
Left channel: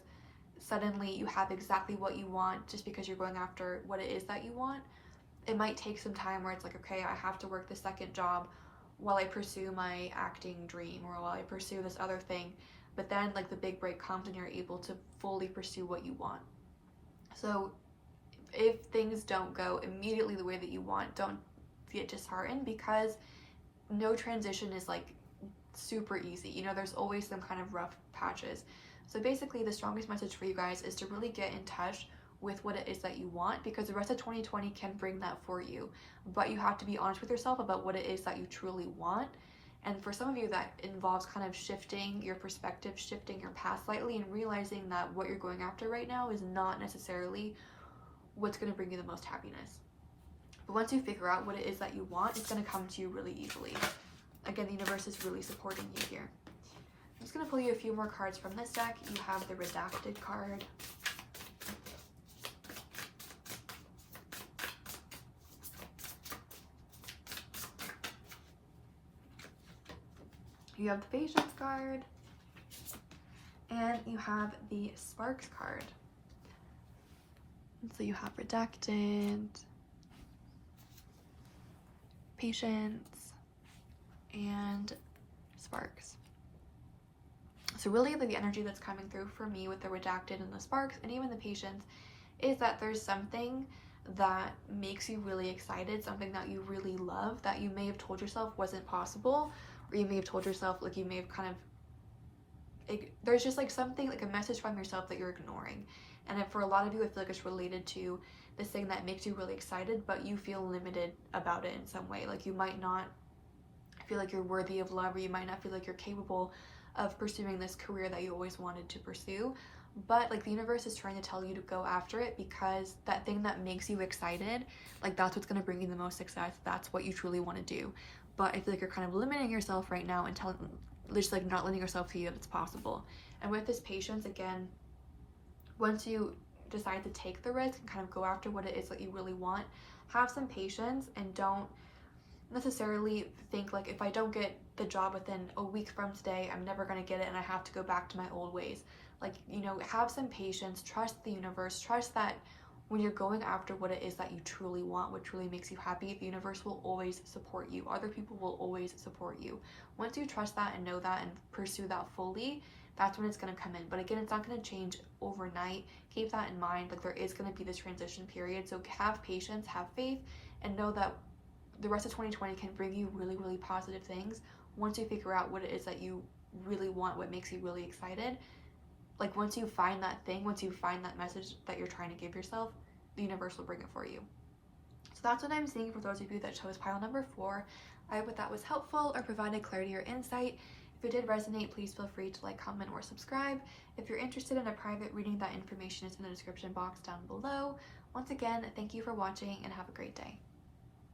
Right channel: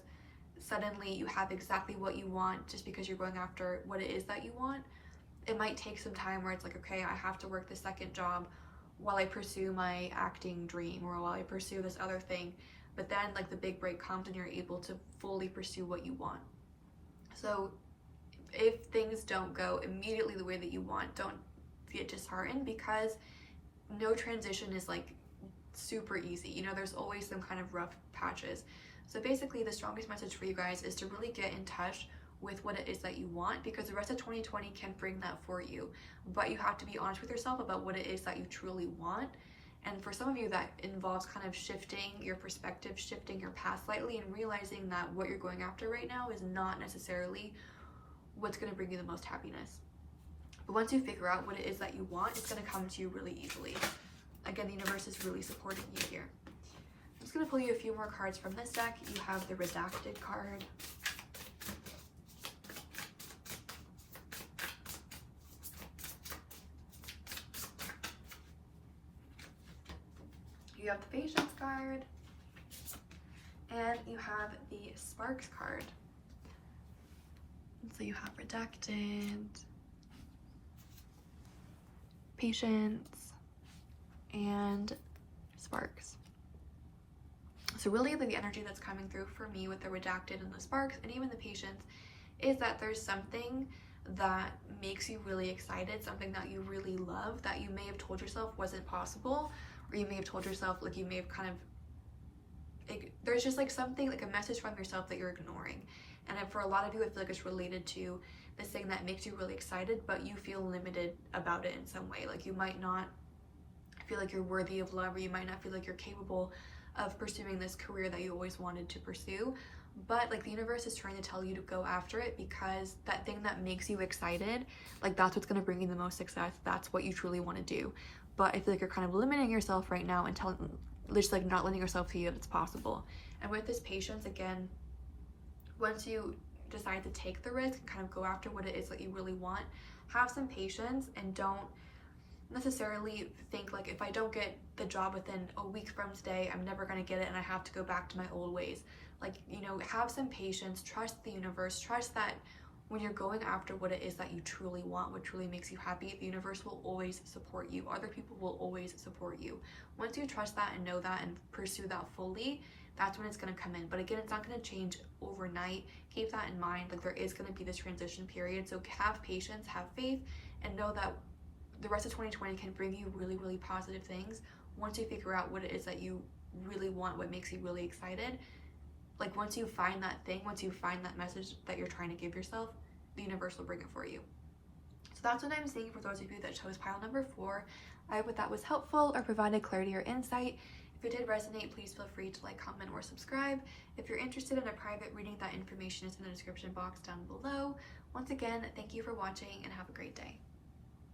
Suddenly you have exactly what you want just because you're going after what it is that you want. It might take some time where it's like, okay, I have to work the second job while I pursue my acting dream, or while I pursue this other thing. But then like the big break comes and you're able to fully pursue what you want. So if things don't go immediately the way that you want, don't get disheartened, because no transition is like super easy. You know, there's always some kind of rough patches. So basically the strongest message for you guys is to really get in touch with what it is that you want, because the rest of 2020 can bring that for you. But you have to be honest with yourself about what it is that you truly want. And for some of you, that involves kind of shifting your perspective, shifting your path slightly, and realizing that what you're going after right now is not necessarily what's going to bring you the most happiness. But once you figure out what it is that you want, it's going to come to you really easily. Again, the universe is really supporting you here. I'm just going to pull you a few more cards from this deck. You have the Redacted card. You have the Patience card. And you have the Sparks card. So you have Redacted, Patience, and Sparks. So really the energy that's coming through for me with the Redacted and the Sparks and even the Patience is that there's something that makes you really excited, something that you really love, that you may have told yourself wasn't possible, or you may have told yourself, like, you may have kind of, there's just like something, like a message from yourself that you're ignoring. And for a lot of you, I feel like it's related to this thing that makes you really excited, but you feel limited about it in some way. Like you might not feel like you're worthy of love, or you might not feel like you're capable of pursuing this career that you always wanted to pursue. but like the universe is trying to tell you to go after it, because that thing that makes you excited, like that's what's going to bring you the most success. That's what you truly want to do. But I feel like you're kind of limiting yourself right now and just like not letting yourself see that it's possible. And with this patience, again, once you decide to take the risk and kind of go after what it is that you really want, have some patience and don't necessarily think like, if I don't get the job within a week from today, I'm never going to get it and I have to go back to my old ways. Like, you know, have some patience, trust the universe, trust that when you're going after what it is that you truly want, what truly makes you happy, the universe will always support you. Other people will always support you. Once you trust that and know that and pursue that fully, that's when it's going to come in. But again, it's not going to change overnight. Keep that in mind. Like, there is going to be this transition period. So have patience, have faith, and know that the rest of 2020 can bring you really, really positive things once you figure out what it is that you really want, what makes you really excited. Like, once you find that thing, once you find that message that you're trying to give yourself, the universe will bring it for you. So that's what I'm seeing for those of you that chose pile number 4. I hope that was helpful or provided clarity or insight. If it did resonate, please feel free to like, comment, or subscribe. If you're interested in a private reading, that information is in the description box down below. Once again, thank you for watching and have a great day.